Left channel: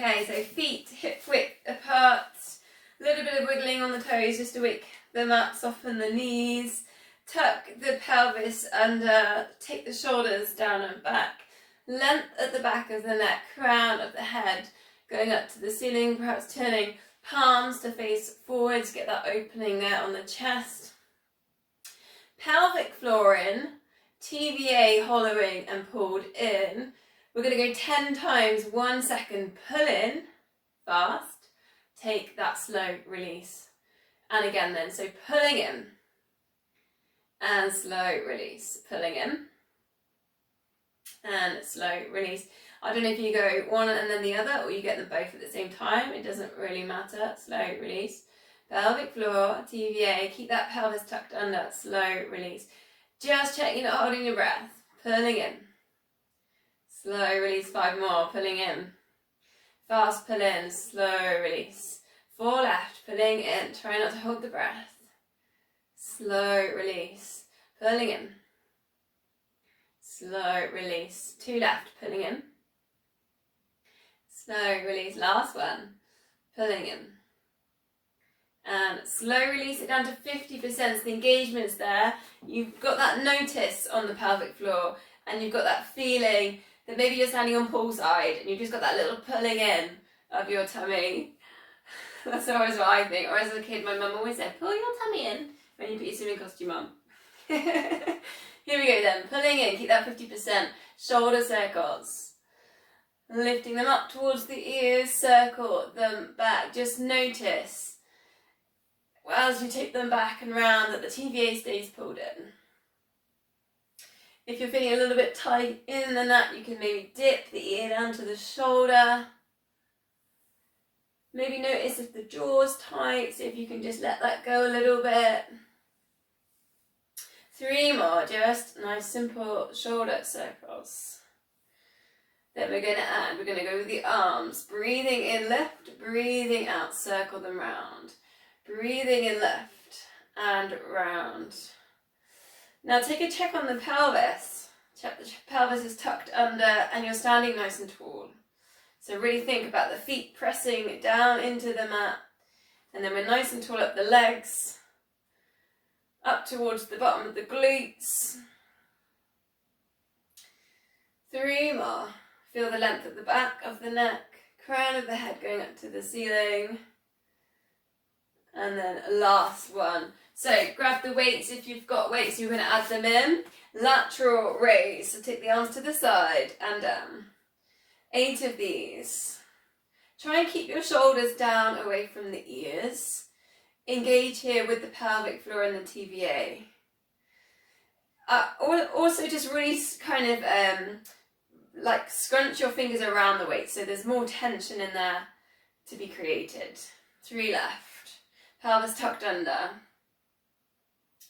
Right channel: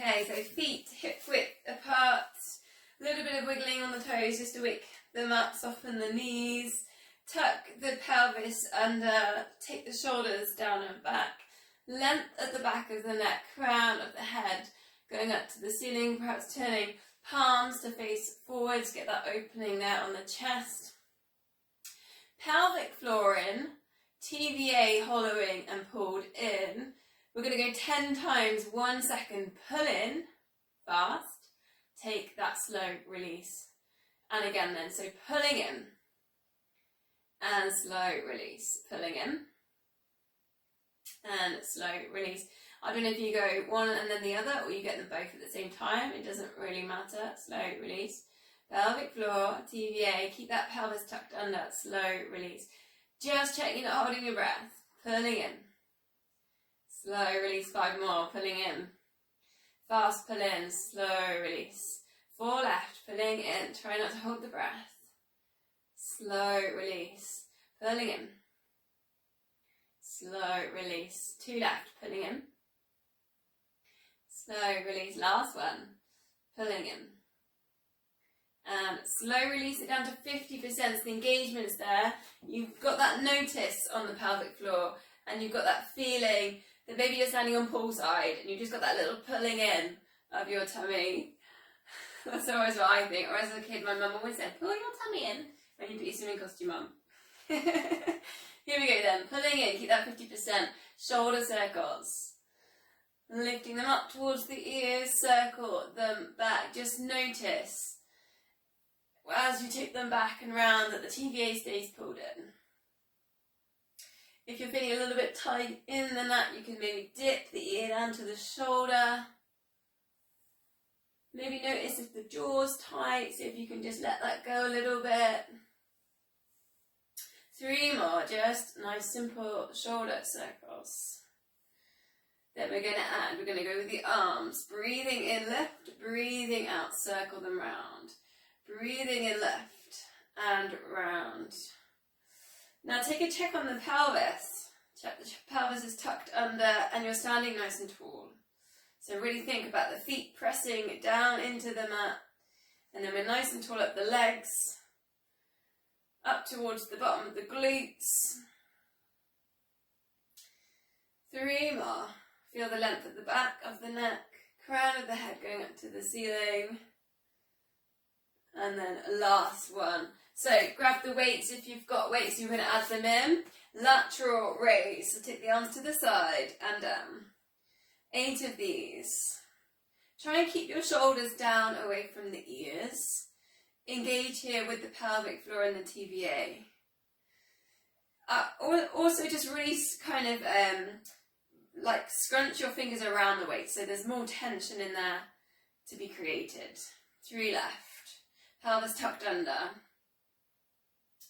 Okay, so feet hip width apart, a little bit of wiggling on the toes just to wake them up, soften the knees, tuck the pelvis under, take the shoulders down and back, length at the back of the neck, crown of the head, going up to the ceiling, perhaps turning palms to face forwards, get that opening there on the chest. Pelvic floor in, TVA hollowing and pulled in. We're going to go 10 times, 1 second, pull in, fast, take that slow release. And again then, so pulling in and slow release, pulling in and slow release. I don't know if you go one and then the other or you get them both at the same time, it doesn't really matter. Slow release, pelvic floor, TVA, keep that pelvis tucked under, slow release. Just checking you're not holding your breath, pulling in. Slow release, 5 more, pulling in. Fast pull in, slow release. 4 left, pulling in, try not to hold the breath. Slow release, pulling in. Slow release, 2 left, pulling in. Slow release, last one, pulling in. And slow release it down to 50%, so the engagement's there. You've got that notice on the pelvic floor and you've got that feeling that maybe you're standing on poolside and you've just got that little pulling in of your tummy. That's always what I think. Or as a kid, my mum always said, pull your tummy in when you put your swimming costume on. Here we go then, pulling in, keep that 50%. Shoulder circles. Lifting them up towards the ears, circle them back. Just notice as you take them back and round that the TVA stays pulled in. If you're feeling a little bit tight in the neck, you can maybe dip the ear down to the shoulder. Maybe notice if the jaw's tight, see if you can just let that go a little bit. 3 more, just nice simple shoulder circles. Then we're going to go with the arms. Breathing in left, breathing out, circle them round. Breathing in left and round. Now take a check on the pelvis. Check the pelvis is tucked under and you're standing nice and tall. So really think about the feet pressing down into the mat. And then we're nice and tall up the legs. Up towards the bottom of the glutes. 3 more. Feel the length at the back of the neck. Crown of the head going up to the ceiling. And then last one. So grab the weights if you've got weights, you're going to add them in. Lateral raise, so take the arms to the side and down. 8 of these. Try and keep your shoulders down away from the ears. Engage here with the pelvic floor and the TVA. Also just really kind of like scrunch your fingers around the weight so there's more tension in there to be created. 3 left. Pelvis tucked under.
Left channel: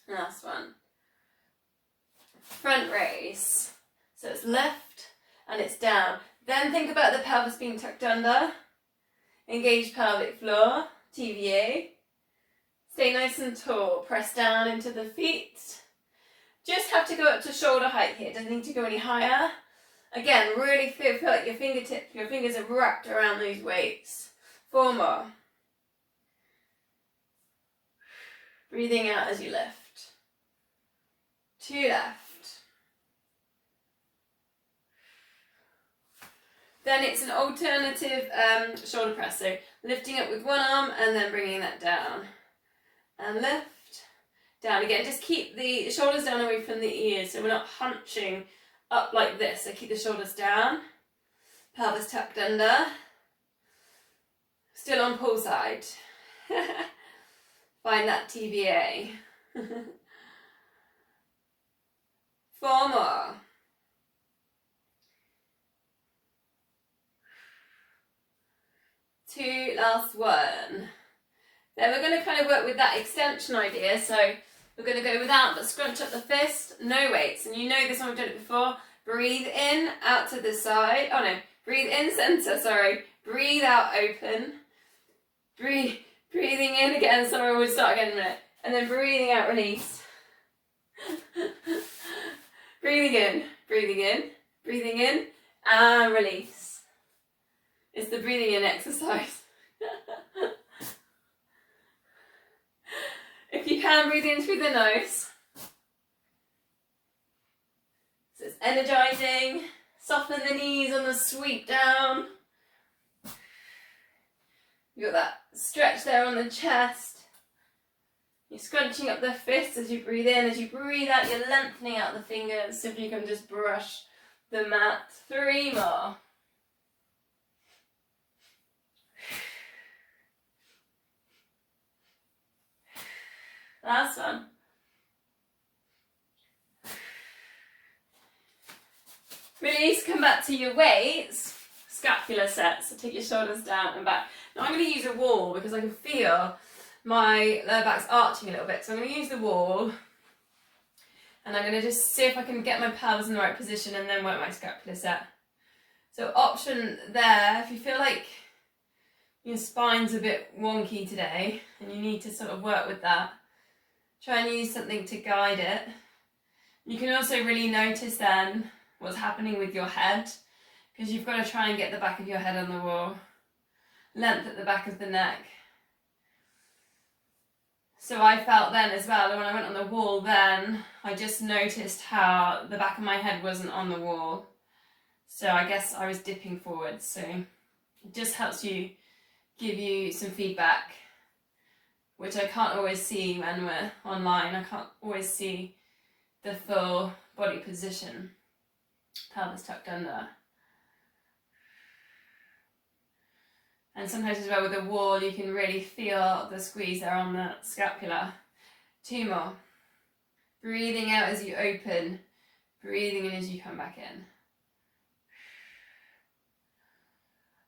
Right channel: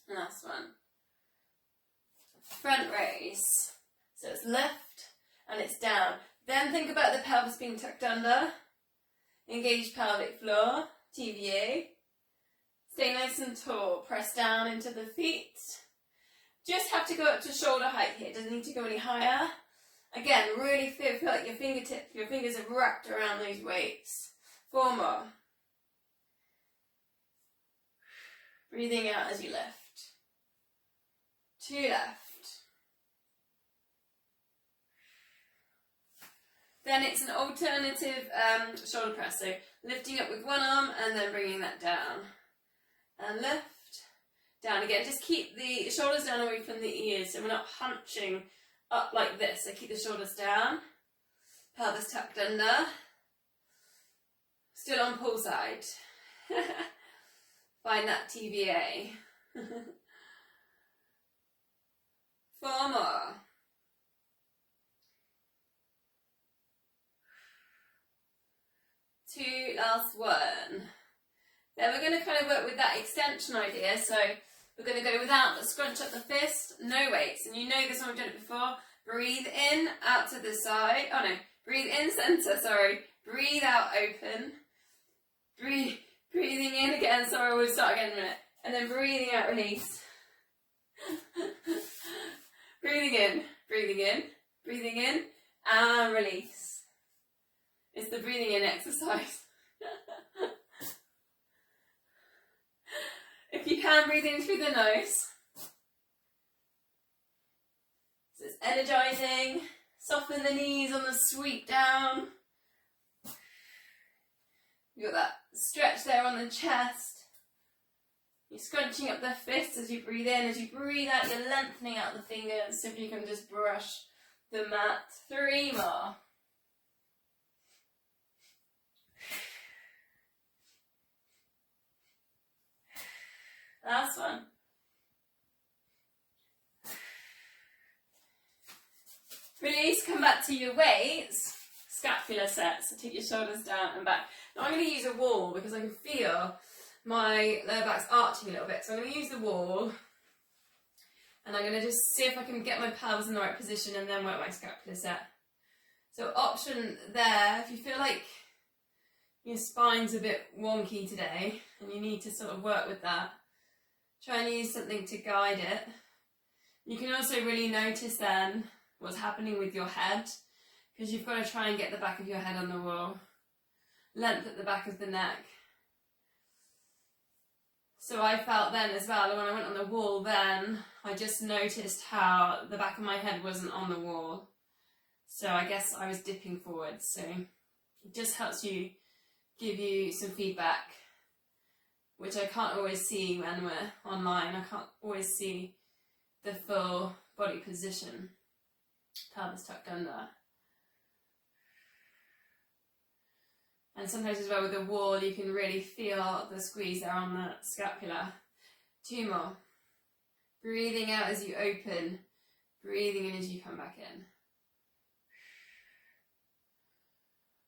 Last one. Front raise. So it's left and it's down. Then think about the pelvis being tucked under. Engage pelvic floor, TVA. Stay nice and tall. Press down into the feet. Just have to go up to shoulder height here. Doesn't need to go any higher. Again, really feel like your fingers are wrapped around those weights. 4 more. Breathing out as you lift. 2 left. Then it's an alternative shoulder press. So lifting up with one arm and then bringing that down. And lift. Down again. Just keep the shoulders down away from the ears so we're not hunching up like this. So keep the shoulders down. Pelvis tucked under. Still on pull side. Find that TVA. 4 more. Two, last one. Then we're going to kind of work with that extension idea. So we're going to go without, but scrunch up the fist, no weights. And you know this one, we've done it before. Breathe in, out to the side. Oh no, breathe in, center, sorry. Breathe out, open. Breathing in again, sorry, we'll start again in a minute. And then breathing out, release. Breathing in, and release. It's the breathing in exercise. If you can, breathe in through the nose. So it's energizing. Soften the knees on the sweep down. You've got that stretch there on the chest. You're scrunching up the fists as you breathe in. As you breathe out, you're lengthening out the fingers so if you can just brush the mat. 3 more. Last one. Release, come back to your weights. Scapular set, so take your shoulders down and back. Now I'm going to use a wall because I can feel my lower back's arching a little bit. So I'm going to use the wall and I'm going to just see if I can get my pelvis in the right position and then work my scapular set. So option there, if you feel like your spine's a bit wonky today and you need to sort of work with that, try and use something to guide it. You can also really notice then what's happening with your head, because you've got to try and get the back of your head on the wall. Length at the back of the neck. So I felt then as well, when I went on the wall then, I just noticed how the back of my head wasn't on the wall. So I guess I was dipping forwards. So it just helps you, give you some feedback, which I can't always see when we're online. I can't always see the full body position. Pelvis tucked under. And sometimes as well with the wall, you can really feel the squeeze there on the scapula. 2 more. Breathing out as you open, breathing in as you come back in.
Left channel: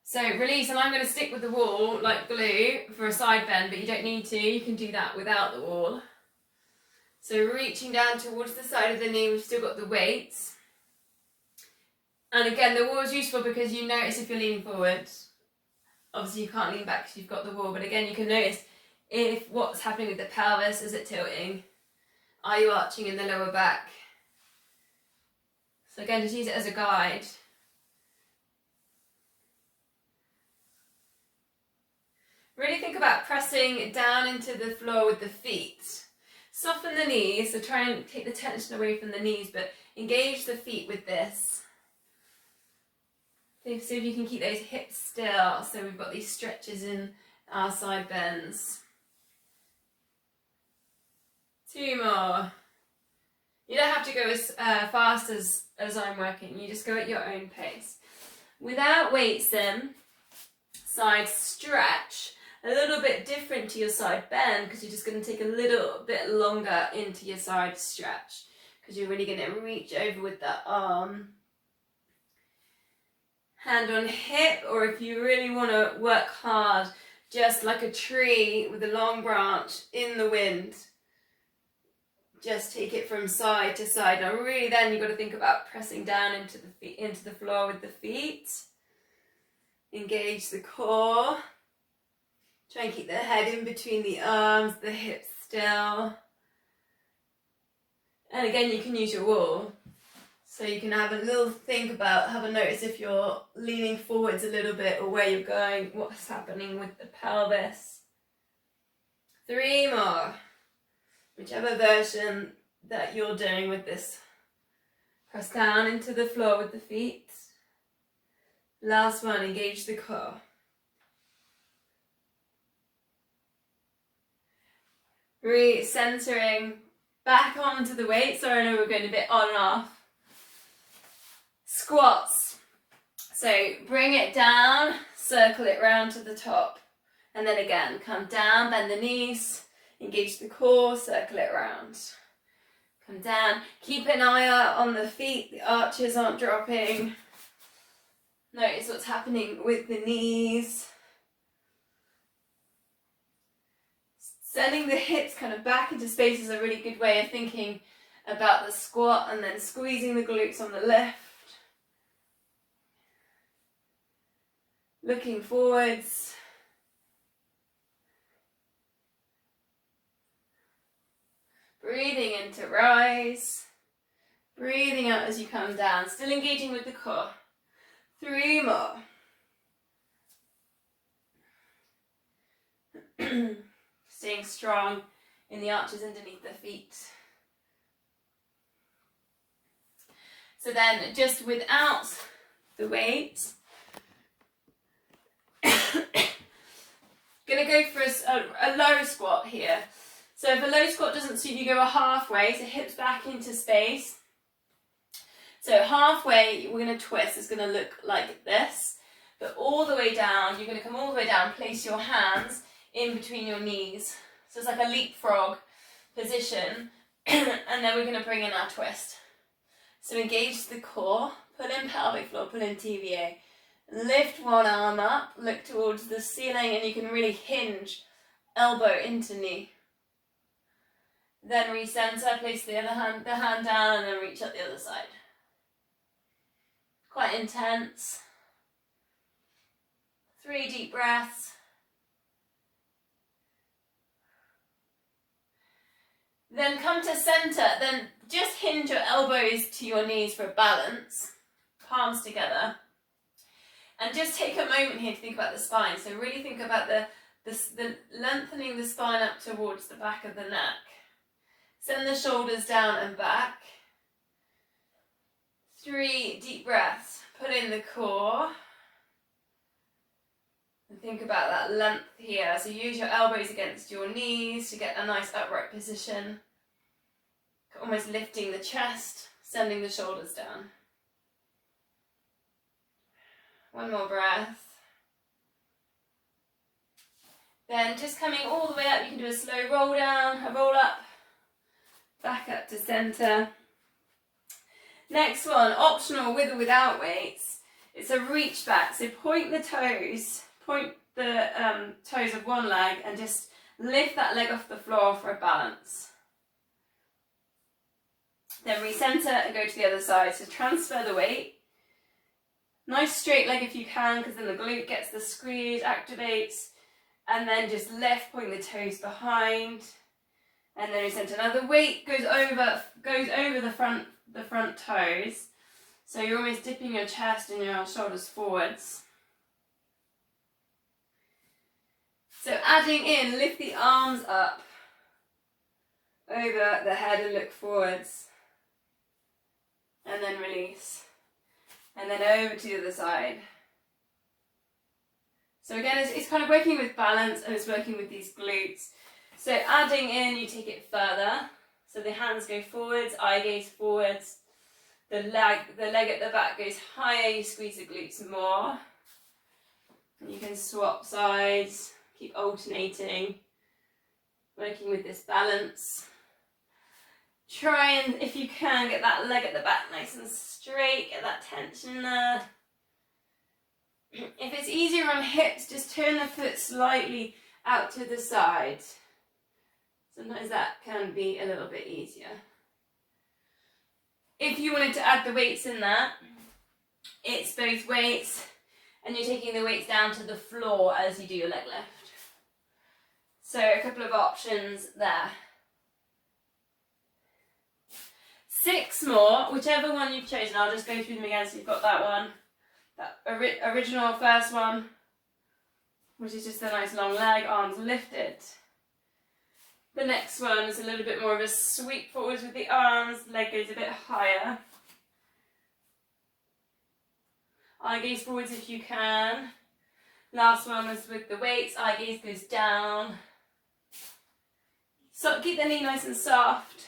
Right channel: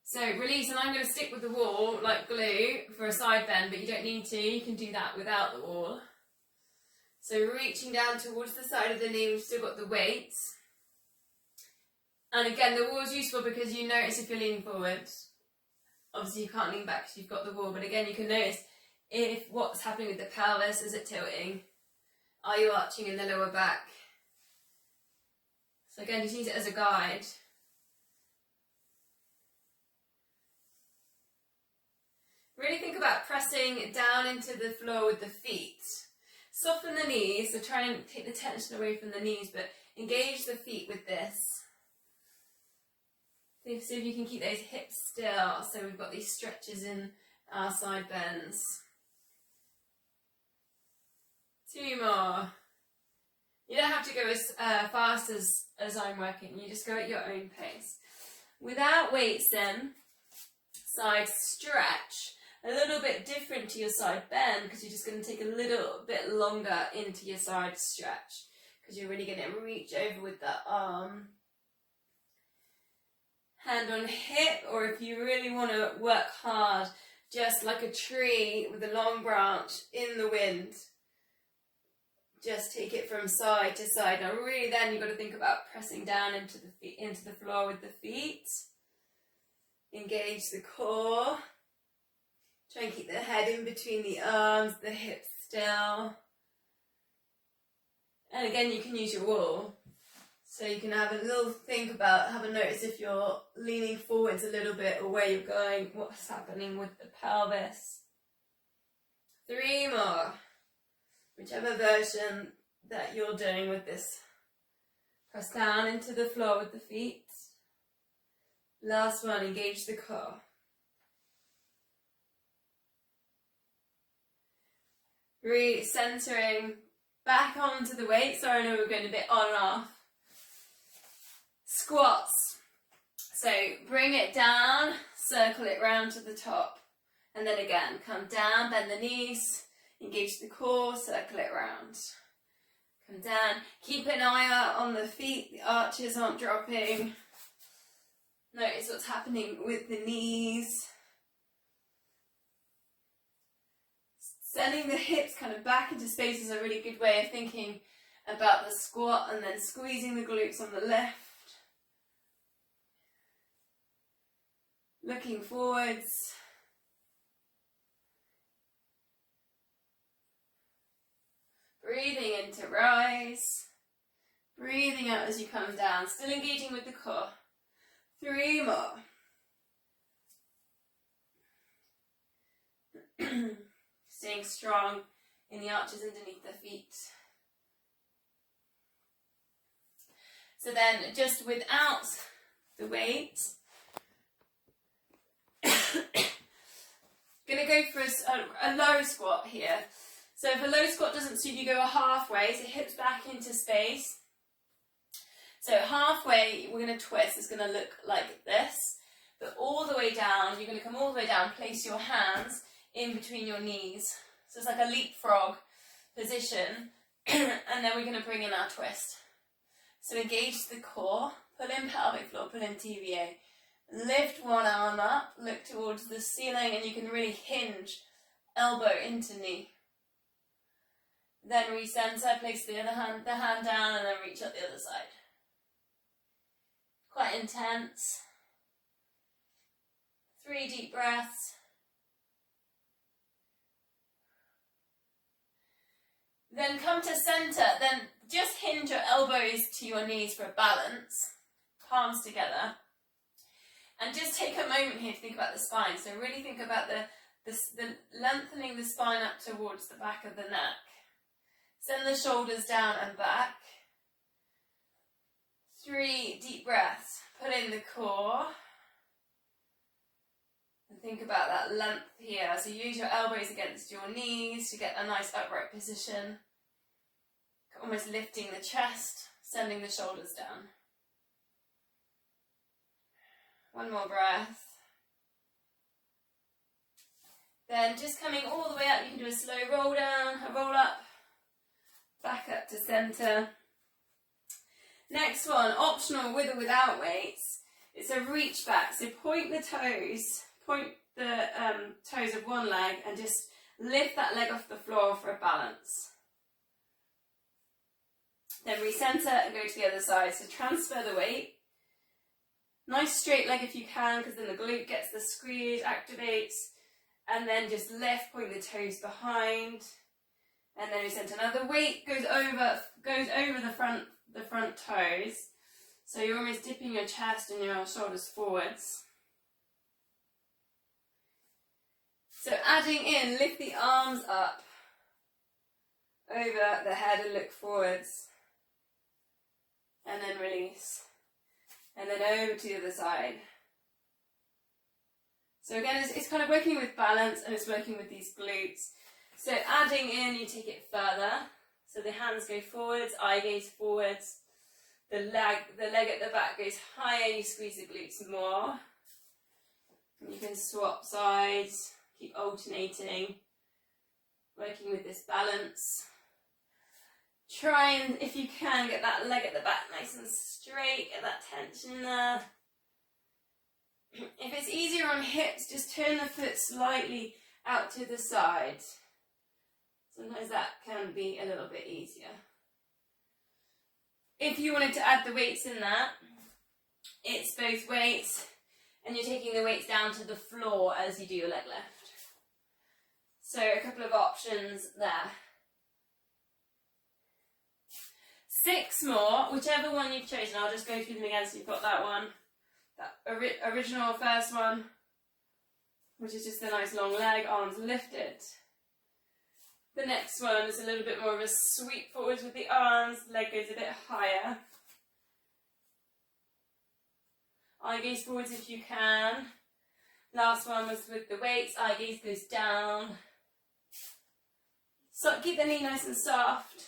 So release, and I'm going to stick with the wall like glue for a side bend, but you don't need to. You can do that without the wall. So reaching down towards the side of the knee, we've still got the weights. And again, the wall is useful because you notice if you're leaning forward. Obviously you can't lean back because you've got the wall, but again you can notice if what's happening with the pelvis. Is it tilting? Are you arching in the lower back? So again, just use it as a guide. Really think about pressing down into the floor with the feet. Soften the knees, so try and take the tension away from the knees, but engage the feet with this. See if you can keep those hips still, so we've got these stretches in our side bends. 2 more. You don't have to go as fast as I'm working, you just go at your own pace. Without weights then, side stretch, a little bit different to your side bend because you're just going to take a little bit longer into your side stretch because you're really going to reach over with that arm. Hand on hip, or if you really want to work hard, just like a tree with a long branch in the wind. Just take it from side to side. Now really then you've got to think about pressing down into the feet, into the floor with the feet. Engage the core. Try and keep the head in between the arms, the hips still. And again, you can use your wall. So you can have a little think about, have a notice if you're leaning forwards a little bit or where you're going, what's happening with the pelvis. 3 more. Whichever version that you're doing with this. Press down into the floor with the feet. Last one, engage the core. Re-centering back onto the weight. Sorry, I know we're going a bit on and off. Squats. So bring it down, circle it round to the top. And then again, come down, bend the knees, engage the core, circle it round. Come down, keep an eye out on the feet, the arches aren't dropping. Notice what's happening with the knees. Sending the hips kind of back into space is a really good way of thinking about the squat, and then squeezing the glutes on the left. Looking forwards. Breathing in to rise. Breathing out as you come down. Still engaging with the core. 3 more. Staying strong in the arches underneath the feet. So then just without the weight, gonna go for a low squat here. So if a low squat doesn't suit you, go a halfway, so hips back into space. So halfway, we're gonna twist, it's gonna look like this, but all the way down, you're gonna come all the way down, place your hands in between your knees. So it's like a leapfrog position, and then we're gonna bring in our twist. So engage the core, pull in pelvic floor, pull in TVA. Lift one arm up, look towards the ceiling, and you can really hinge elbow into knee. Then recenter, place the hand down, and then reach up the other side. Quite intense. 3 deep breaths. Then come to center, then just hinge your elbows to your knees for a balance, palms together. And just take a moment here to think about the spine. So really think about the lengthening the spine up towards the back of the neck. Send the shoulders down and back. 3 deep breaths. Pull in the core. And think about that length here. So use your elbows against your knees to get a nice upright position. Almost lifting the chest, sending the shoulders down. 1 more breath. Then just coming all the way up, you can do a slow roll down, a roll up, back up to center. Next one, optional with or without weights. It's a reach back. So point the toes of one leg and just lift that leg off the floor for a balance. Then recenter and go to the other side. So transfer the weight. Nice straight leg if you can, because then the glute gets the squeeze, activates. And then just lift, point the toes behind. And then recenter. Now the weight goes over the front toes. So you're almost dipping your chest and your shoulders forwards. So adding in, lift the arms up over the head and look forwards. And then release. And then over to the other side. So again, it's kind of working with balance and it's working with these glutes. So adding in, you take it further. So the hands go forwards, eye gaze forwards. The leg at the back goes higher, you squeeze the glutes more. And you can swap sides, keep alternating, working with this balance. Try and, if you can, get that leg at the back nice and straight, get that tension there. If it's easier on hips, just turn the foot slightly out to the side. Sometimes that can be a little bit easier. If you wanted to add the weights in that, it's both weights and you're taking the weights down to the floor as you do your leg lift. So a couple of options there. 6 more, whichever one you've chosen. I'll just go through them again so you've got that one. That original first one, which is just a nice long leg, arms lifted. The next one is a little bit more of a sweep forwards with the arms, leg goes a bit higher. Eye gaze forwards if you can. Last one was with the weights, eye gaze goes down. So keep the knee nice and soft.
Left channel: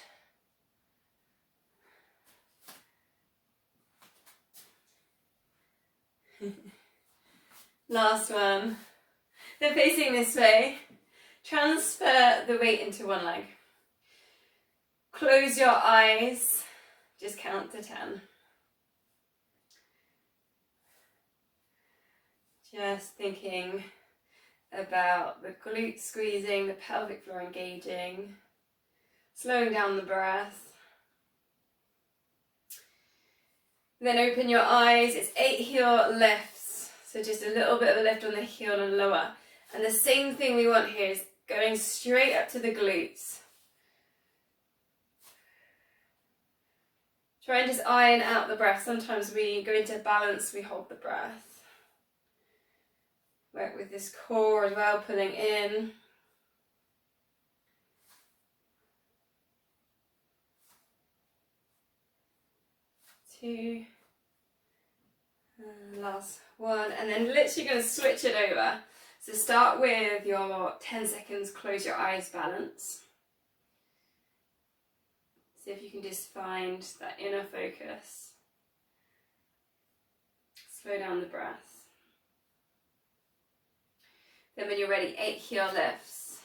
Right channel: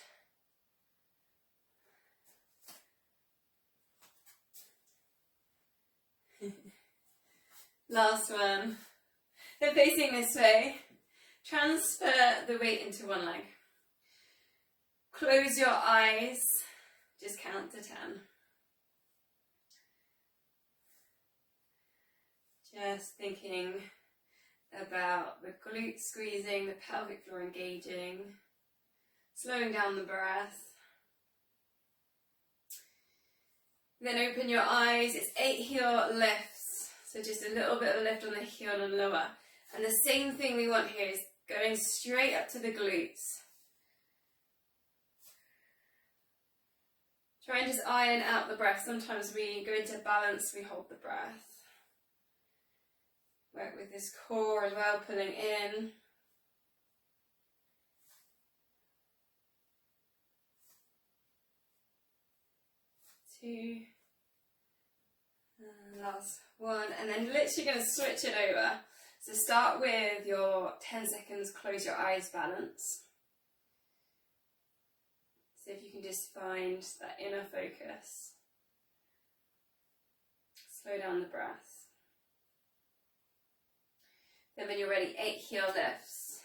Last one. Then facing this way, transfer the weight into one leg. Close your eyes, just count to 10. Just thinking about the glutes squeezing, the pelvic floor engaging, slowing down the breath. Then open your eyes, it's 8 heel lifts. So just a little bit of a lift on the heel and lower. And the same thing we want here is going straight up to the glutes. Try and just iron out the breath. Sometimes we go into balance, we hold the breath. Work with this core as well, pulling in. 2, and last 1, and then literally going to switch it over. So start with your 10 seconds, close your eyes balance. See if you can just find that inner focus. Slow down the breath. Then when you're ready, 8 heel lifts.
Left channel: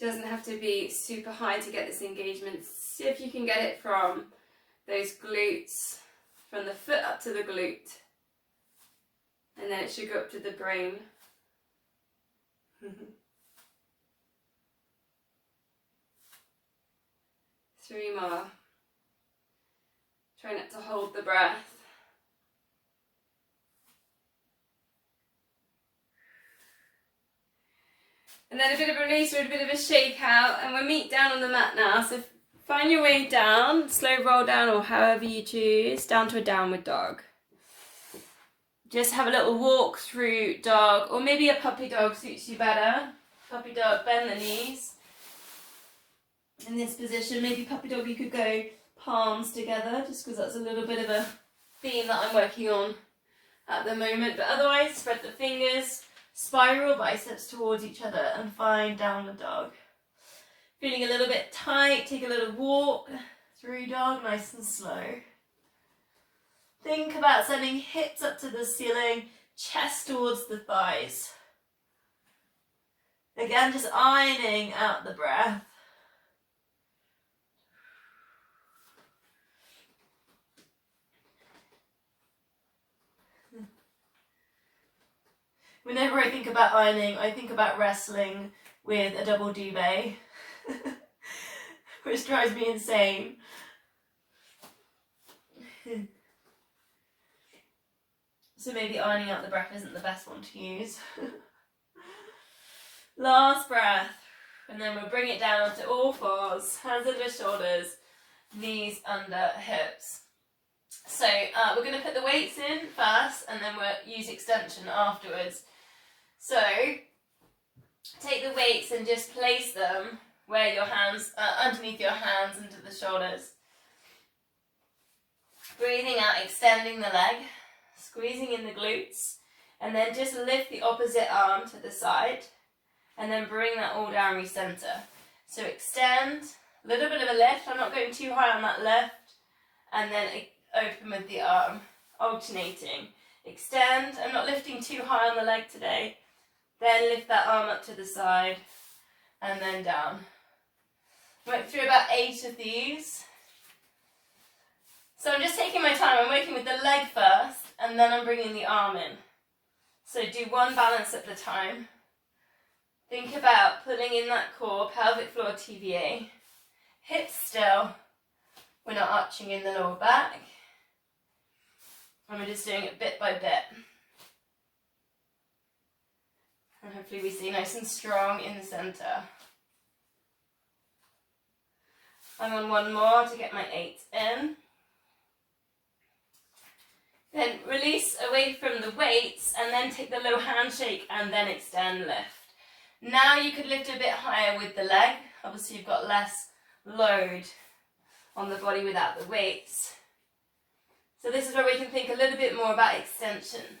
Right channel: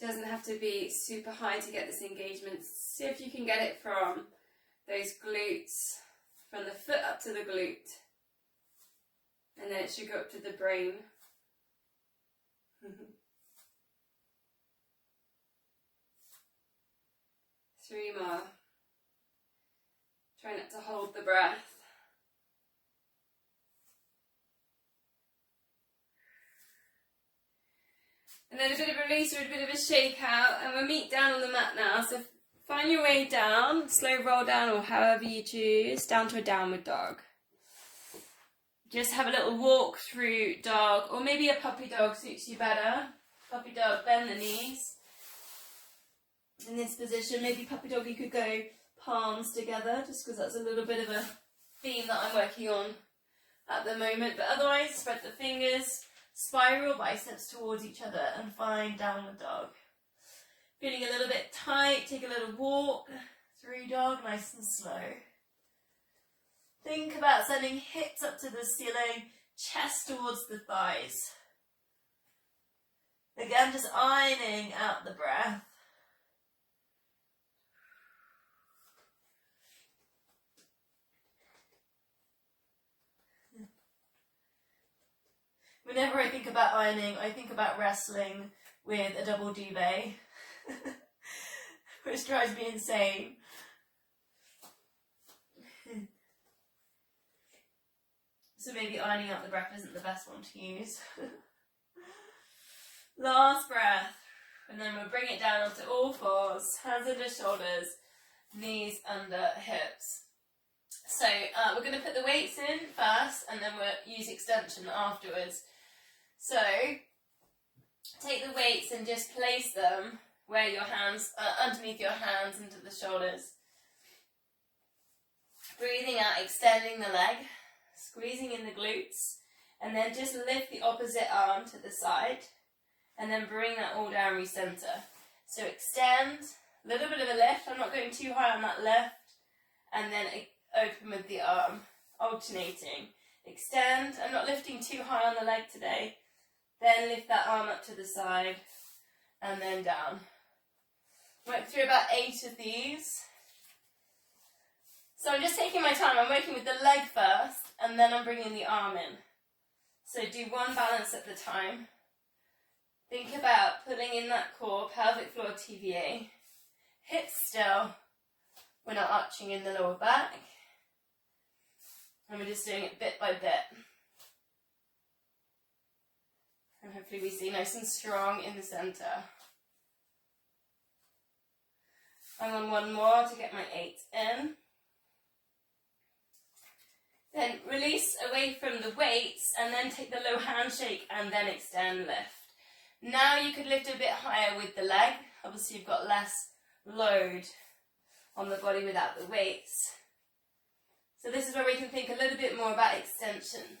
Doesn't have to be super high to get this engagement. See if you can get it from those glutes, from the foot up to the glute. And then it should go up to the brain. 3 more. Try not to hold the breath. And then a bit of a release or a bit of a shake out, and we'll meet down on the mat now. So find your way down, slow roll down, or however you choose, down to a downward dog. Just have a little walk through dog, or maybe a puppy dog suits you better. Puppy dog, bend the knees. In this position, maybe puppy dog you could go palms together, just because that's a little bit of a theme that I'm working on at the moment. But otherwise, spread the fingers, spiral biceps towards each other, and find downward dog. Feeling a little bit tight, take a little walk through dog, nice and slow. Think about sending hips up to the ceiling, chest towards the thighs. Again, just ironing out the breath. Whenever I think about ironing, I think about wrestling with a double duvet, which drives me insane. So maybe ironing out the breath isn't the best one to use. Last breath, and then we'll bring it down onto all fours, hands under shoulders, knees under hips. So we're going to put the weights in first, and then we'll use extension afterwards. So take the weights and just place them where your hands, underneath your hands, into the shoulders. Breathing out, extending the leg, squeezing in the glutes, and then just lift the opposite arm to the side, and then bring that all down, recenter. So extend, a little bit of a lift, I'm not going too high on that lift, and then open with the arm, alternating. Extend, I'm not lifting too high on the leg today, then lift that arm up to the side, and then down. Went through about 8 of these. So I'm just taking my time, I'm working with the leg first, and then I'm bringing the arm in. So do one balance at a time. Think about pulling in that core, pelvic floor TVA. Hips still. We're not arching in the lower back. And we're just doing it bit by bit. And hopefully we stay nice and strong in the centre. I'm on one more to get my 8 in. Then release away from the weights, and then take the low handshake, and then extend, lift. Now you could lift a bit higher with the leg. Obviously you've got less load on the body without the weights. So this is where we can think a little bit more about extension.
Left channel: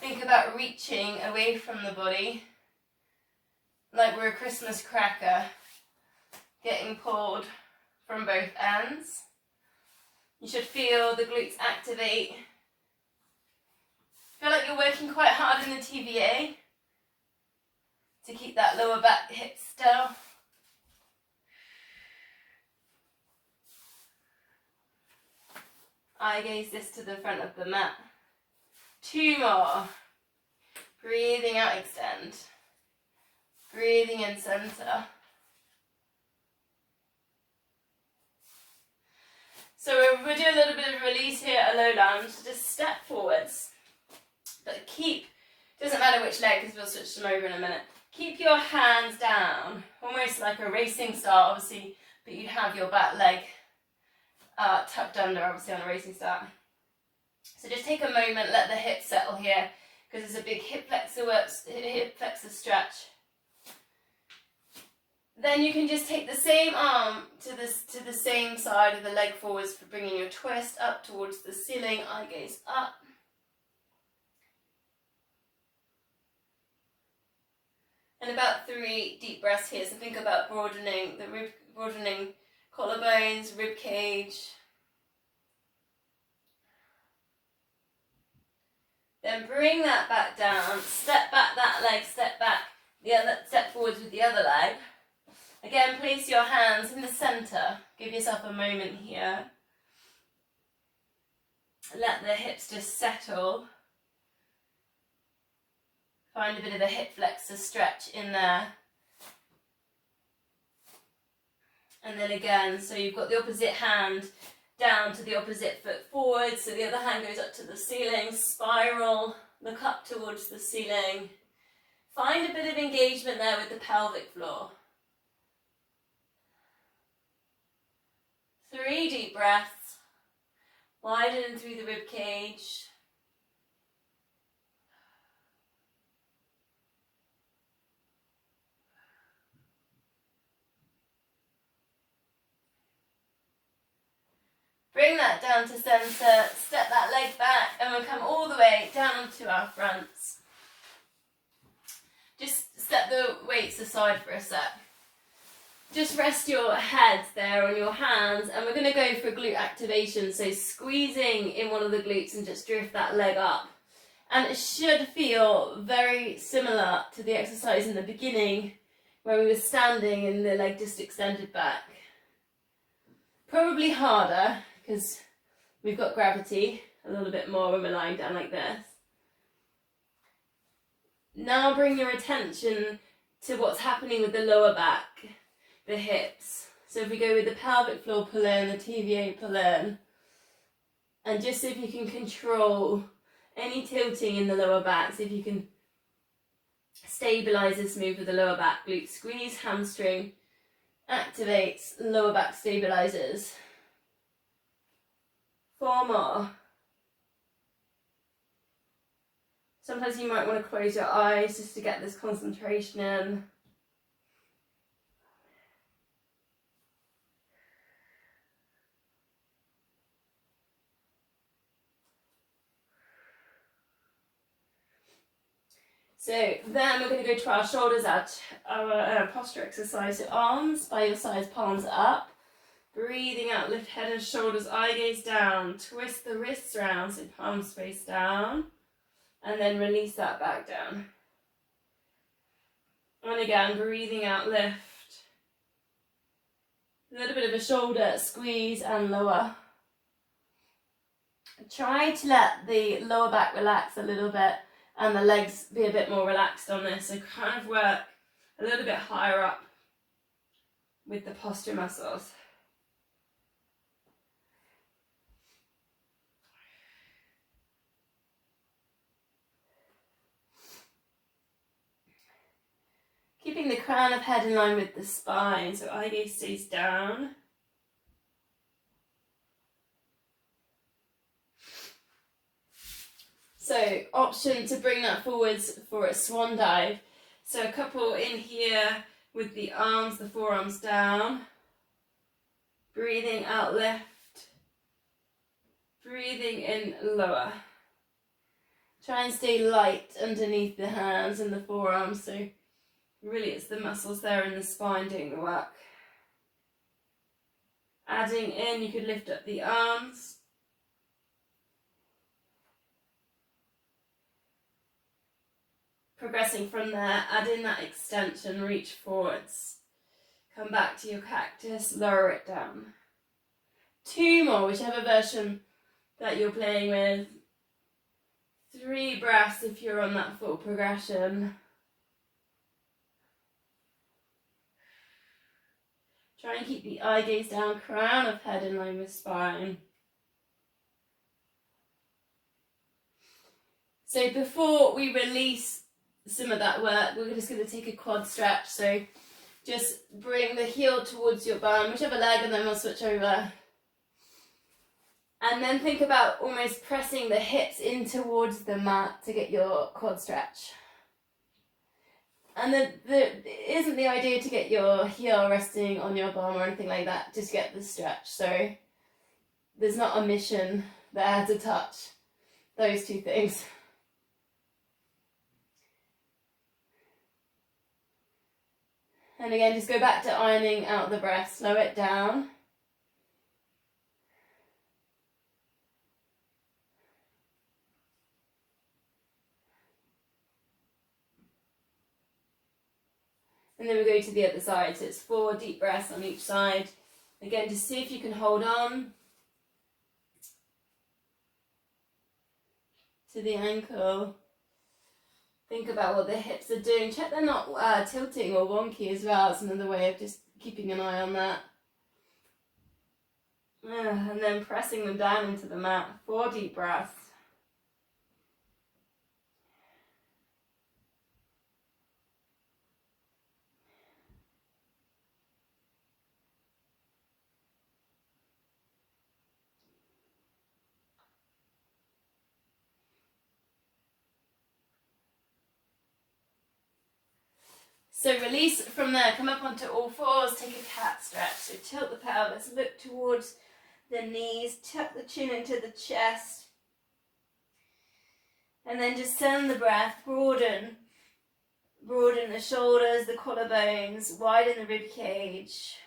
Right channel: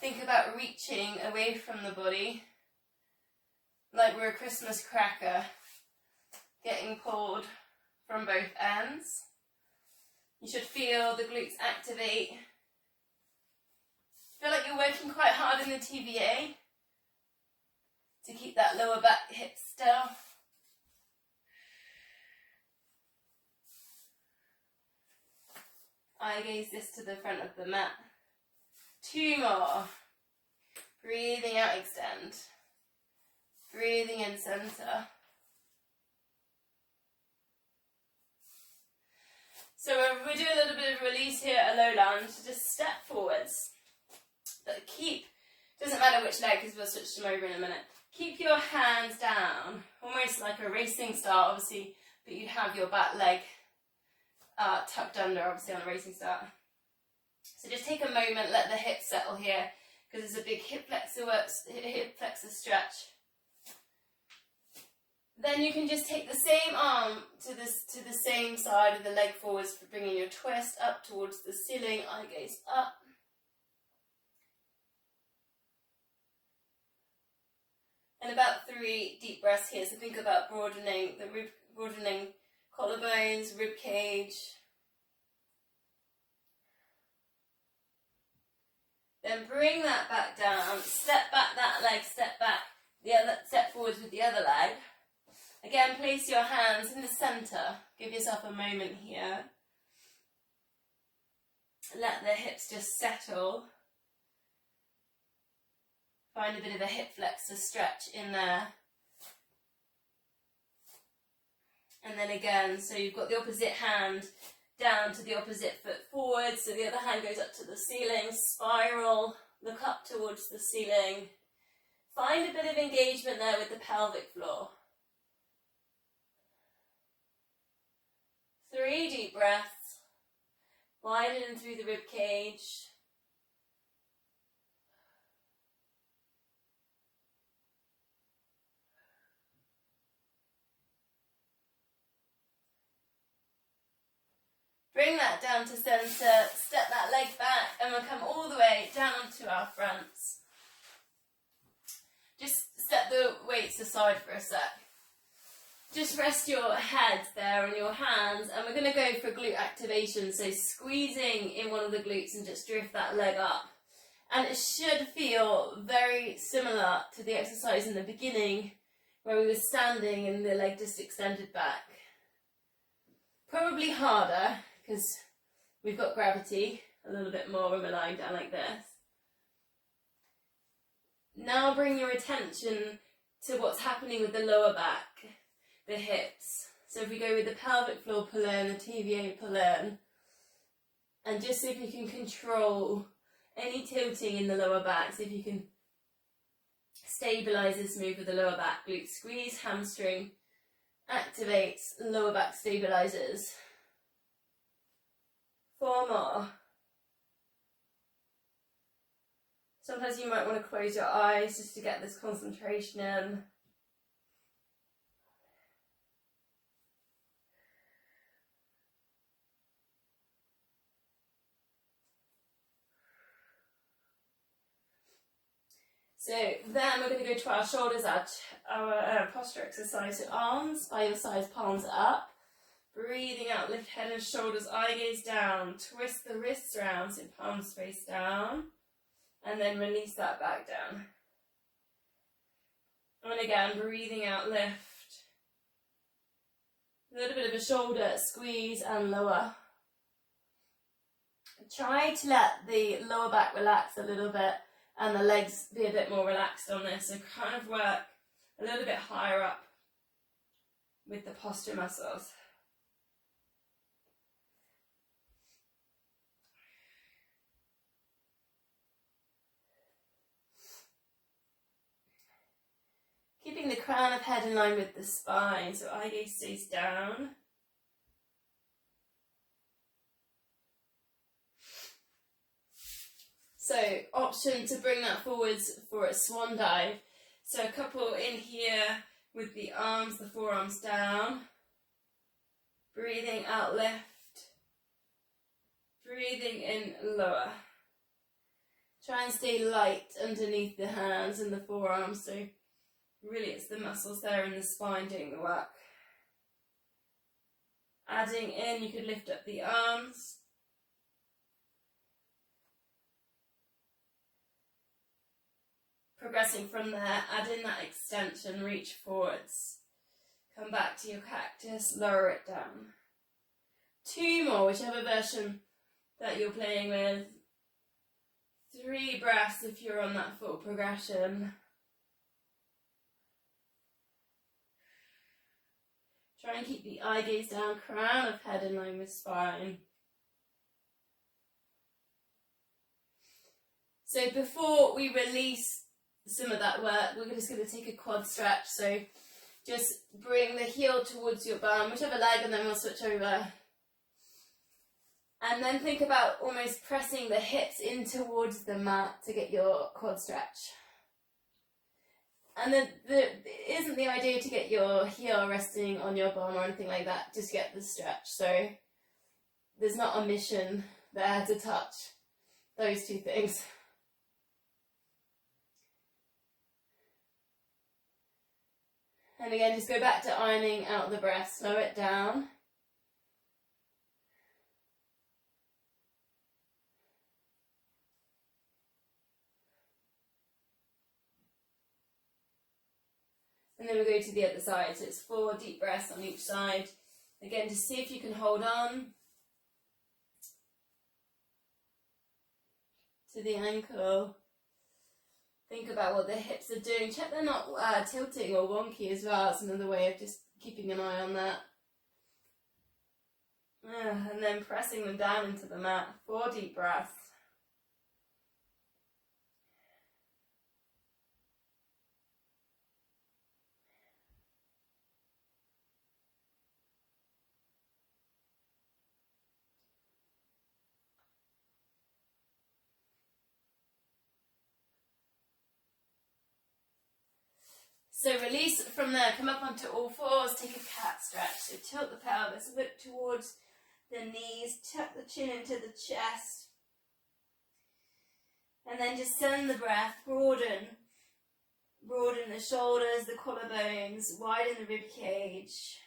Think about reaching away from the body, like we're a Christmas cracker, getting pulled from both ends. You should feel the glutes activate. Feel like you're working quite hard in the TVA to keep that lower back hip still. Eye gaze this to the front of the mat. 2 more. Breathing out, extend. Breathing in, center. So we'll do a little bit of release here, a low lunge. Just step forwards. But keep, doesn't matter which leg because we'll switch them over in a minute. Keep your hands down, almost like a racing start, obviously, but you have your back leg tucked under, obviously, on a racing start. So just take a moment, let the hips settle here, because there's a big hip flexor stretch. Then you can just take the same arm to the same side of the leg forwards for bringing your twist up towards the ceiling, eye gaze up. And about 3 deep breaths here. So think about broadening collarbones, rib cage. Then bring that back down, step back that leg, step back the other, step forwards with the other leg. Again, place your hands in the center. Give yourself a moment here. Let the hips just settle. Find a bit of a hip flexor stretch in there. And then again, so you've got the opposite hand down to the opposite foot forward, so the other hand goes up to the ceiling, spiral, look up towards the ceiling. Find a bit of engagement there with the pelvic floor. 3 deep breaths, widen through the rib cage. Bring that down to center, step that leg back, and we'll come all the way down to our fronts. Just step the weights aside for a sec. Just rest your head there on your hands, and we're going to go for glute activation, so squeezing in one of the glutes and just drift that leg up. And it should feel very similar to the exercise in the beginning where we were standing and the leg just extended back. Probably harder because we've got gravity a little bit more when we're lying down like this. Now bring your attention to what's happening with the lower back, the hips. So if we go with the pelvic floor pull in, the TVA pull in, and just see if you can control any tilting in the lower back. See if you can stabilize this move with the lower back. Glute squeeze, hamstring activates, lower back stabilizes. 4 more. Sometimes you might want to close your eyes just to get this concentration in. So then we're going to go to our shoulders, our posture exercise. So arms by your sides, palms up. Breathing out, lift head and shoulders, eye gaze down. Twist the wrists around, so palms face down. And then release that back down. And again, breathing out, lift. A little bit of a shoulder squeeze and lower. Try to let the lower back relax a little bit and the legs be a bit more relaxed on this. So kind of work a little bit higher up with the posture muscles. Keeping the crown of head in line with the spine, so eye gaze stays down. So option to bring that forwards for a swan dive. So a couple in here with the arms, the forearms down. Breathing out, lift. Breathing in, lower. Try and stay light underneath the hands and the forearms, so really it's the muscles there in the spine doing the work. Adding in, you could lift up the arms. Progressing from there, add in that extension, reach forwards. Come back to your cactus, lower it down. 2 more, whichever version that you're playing with. 3 breaths if you're on that full progression. Try and keep the eye gaze down, crown of head in line with spine. So before we release some of that work, we're just going to take a quad stretch. So just bring the heel towards your bum, whichever leg, and then we'll switch over. And then think about almost pressing the hips in towards the mat to get your quad stretch. And it isn't the idea to get your heel resting on your bum or anything like that, just get the stretch. So there's not a mission there to touch those two things. And again, just go back to ironing out the breath, slow it down. And then we go to the other side, so it's 4 deep breaths on each side. Again, just see if you can hold on to the ankle. Think about what the hips are doing. Check they're not tilting or wonky as well. It's another way of just keeping an eye on that. And then pressing them down into the mat. 4 deep breaths. So release from there, come up onto all fours, take a cat stretch. So tilt the pelvis, look towards the knees, tuck the chin into the chest. And then just send the breath, broaden the shoulders, the collarbones, widen the rib cage.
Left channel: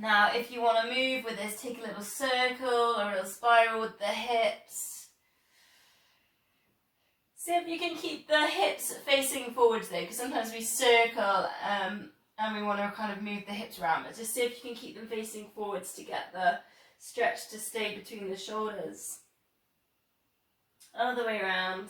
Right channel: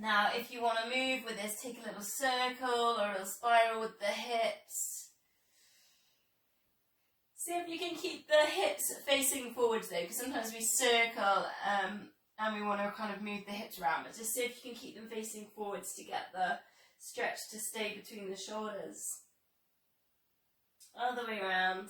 Now if you want to move with this, take a little circle or a little spiral with the hips. See if you can keep the hips facing forwards though, because sometimes we circle and we want to kind of move the hips around, but just see if you can keep them facing forwards to get the stretch to stay between the shoulders. Other way around.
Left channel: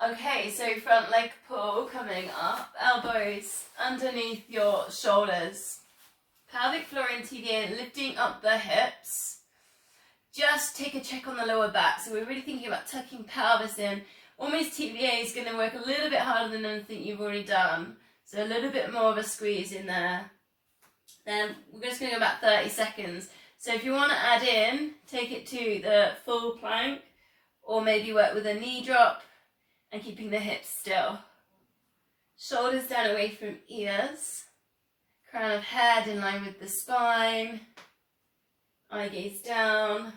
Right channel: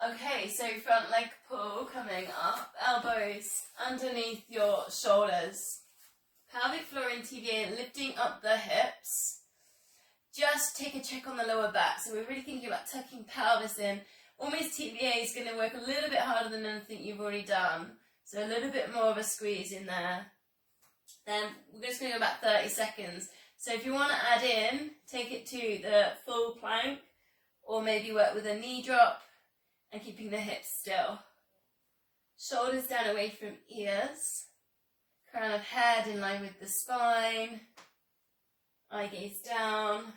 Okay, so front leg pull coming up, elbows underneath your shoulders. Pelvic floor and TVA, lifting up the hips. Just take a check on the lower back. So we're really thinking about tucking pelvis in. Almost TVA is going to work a little bit harder than anything you've already done. So a little bit more of a squeeze in there. Then we're just going to go about 30 seconds. So if you want to add in, take it to the full plank, or maybe work with a knee drop and keeping the hips still. Shoulders down away from ears. Crown of head in line with the spine. Eye gaze down.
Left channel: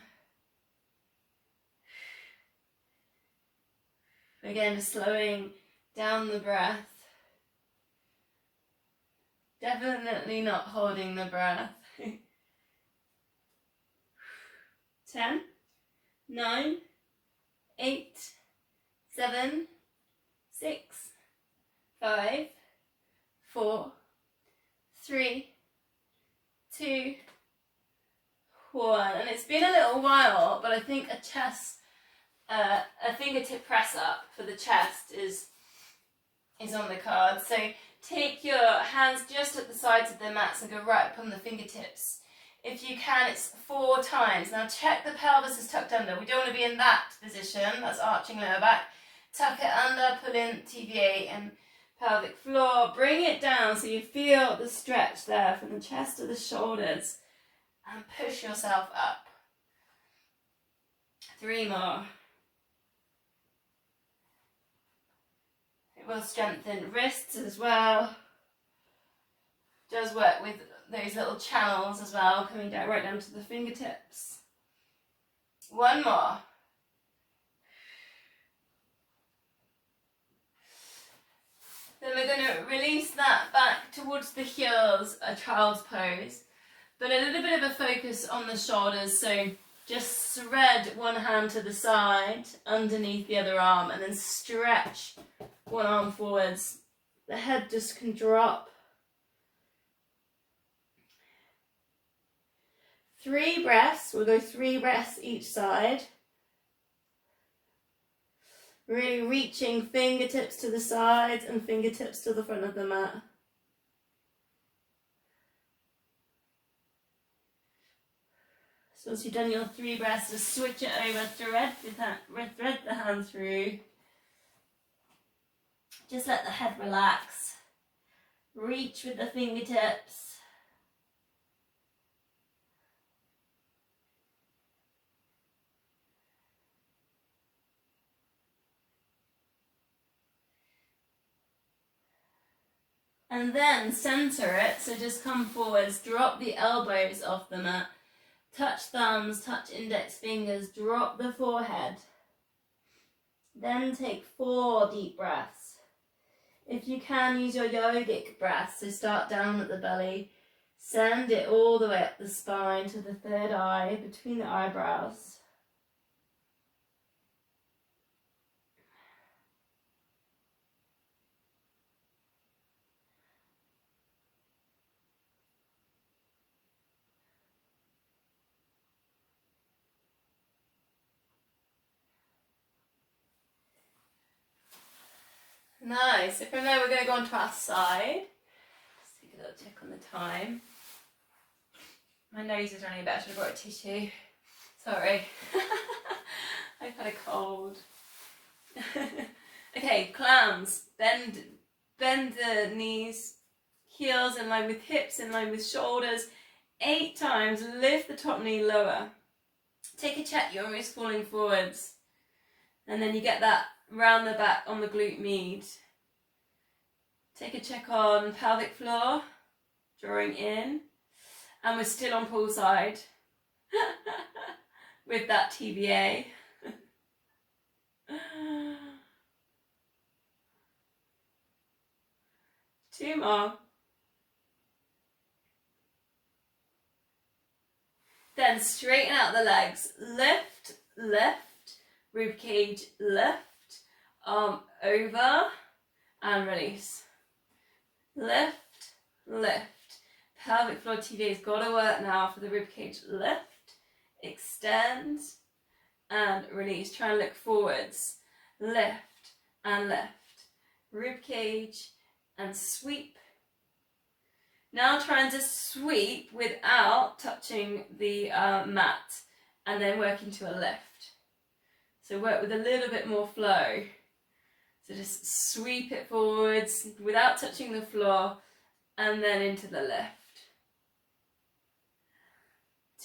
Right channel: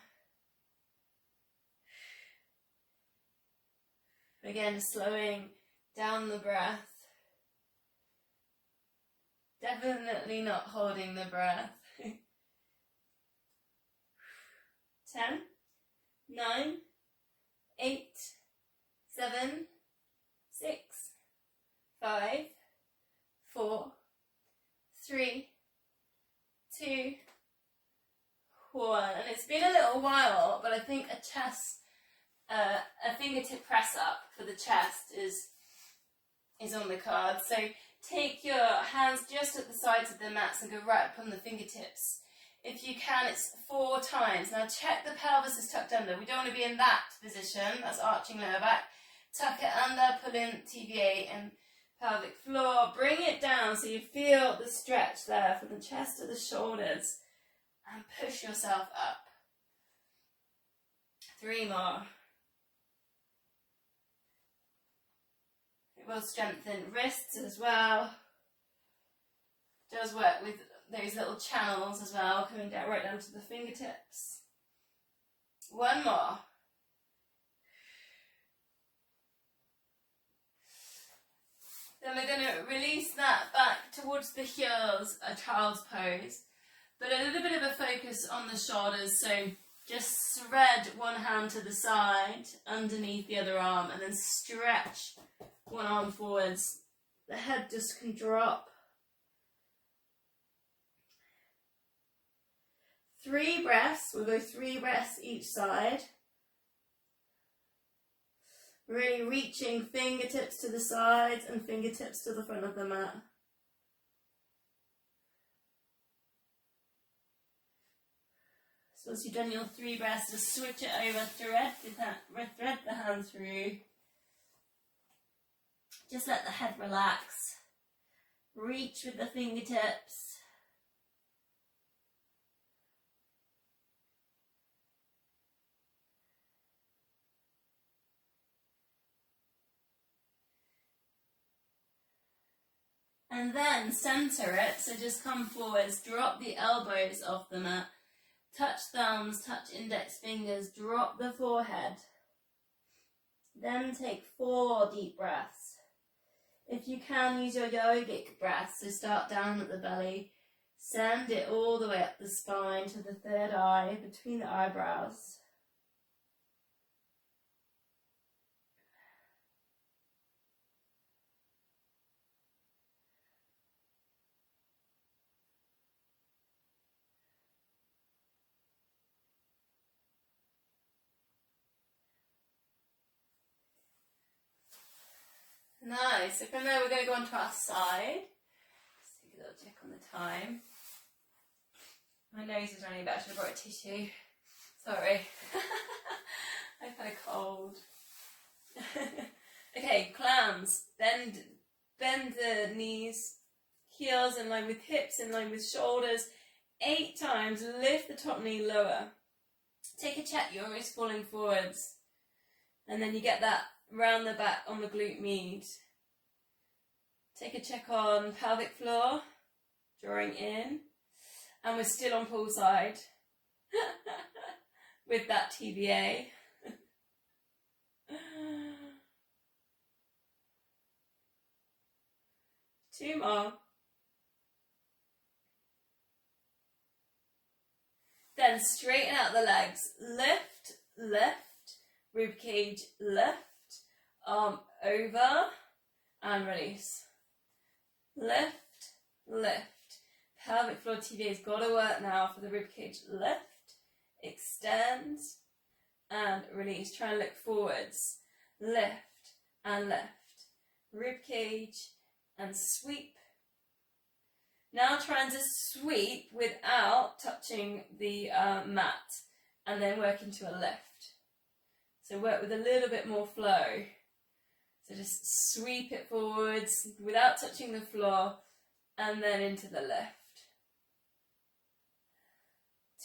Again, slowing down the breath. Definitely not holding the breath. 10, 9, 8, 7, 6, 5, 4, 3, 2, 1. And it's been a little while, but I think a fingertip press up for the chest is on the card. So take your hands just at the sides of the mats and go right up on the fingertips. If you can, it's 4 times. Now check the pelvis is tucked under. We don't want to be in that position. That's arching lower back. Tuck it under, pull in TVA and pelvic floor. Bring it down so you feel the stretch there from the chest to the shoulders. And push yourself up. 3 more. It will strengthen wrists as well. Does work with those little channels as well, coming down right down to the fingertips. 1 more. Then we're going to release that back towards the heels, a child's pose. But a little bit of a focus on the shoulders, so just thread one hand to the side, underneath the other arm, and then stretch one arm forwards. The head just can drop. 3 breaths, we'll go 3 breaths each side. Really reaching fingertips to the sides and fingertips to the front of the mat. So once you've done your 3 breaths, just switch it over, thread the hand through. Just let the head relax. Reach with the fingertips. And then center it, so just come forwards, drop the elbows off the mat, touch thumbs, touch index fingers, drop the forehead. Then take 4 deep breaths. If you can, use your yogic breath, so start down at the belly, send it all the way up the spine to the third eye, between the eyebrows. Nice. So from there we're going to go on to our side. Just take a little check on the time. My nose is running a bit. I should have brought a tissue. Sorry. I've had a cold. Okay, clams. Bend the knees, heels in line with hips, in line with shoulders. 8 times. Lift the top knee lower. Take a check. You're almost falling forwards. And then you get that round the back on the glute med. Take a check on pelvic floor, drawing in, and we're still on pull side with that TBA. 2 more. Then straighten out the legs, lift, rib cage, lift, arm over, and release. Lift. Pelvic floor TVA's got to work now for the rib cage. Lift, extend, and release. Try and look forwards. Lift and lift. Rib cage and sweep. Now try and just sweep without touching the mat, and then work into a lift. So work with a little bit more flow. So just sweep it forwards without touching the floor, and then into the lift.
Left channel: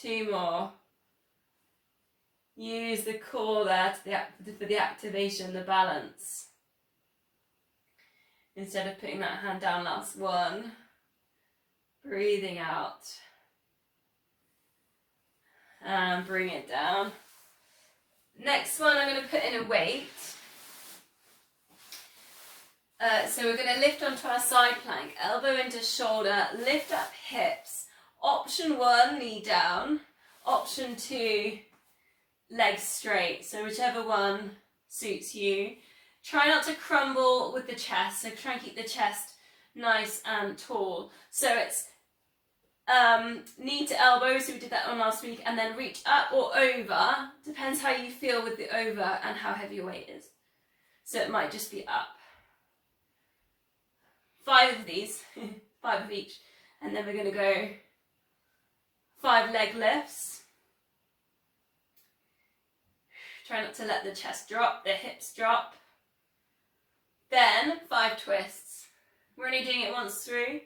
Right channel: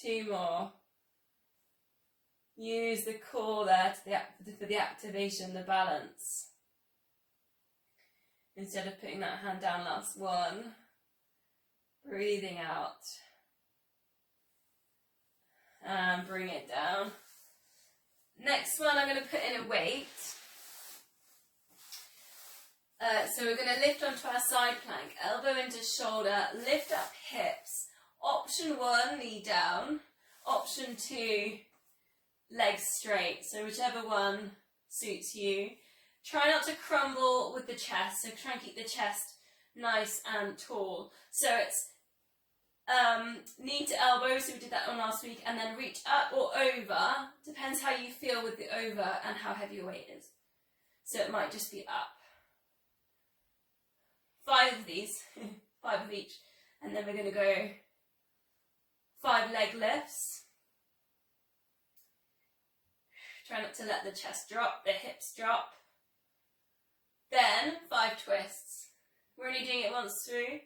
2 more. Use the core there for the activation, the balance. Instead of putting that hand down, last one. Breathing out. And bring it down. Next one, I'm going to put in a weight. So we're going to lift onto our side plank, elbow into shoulder, lift up hips. Option 1, knee down. Option 2, legs straight. So whichever one suits you. Try not to crumble with the chest, so try and keep the chest nice and tall. So it's knee to elbow, so we did that one last week, and then reach up or over. Depends how you feel with the over and how heavy your weight is. So it might just be up. 5 of these, 5 of each, and then we're going to go 5 leg lifts. Try not to let the chest drop, the hips drop. Then 5 twists. We're only doing it once through.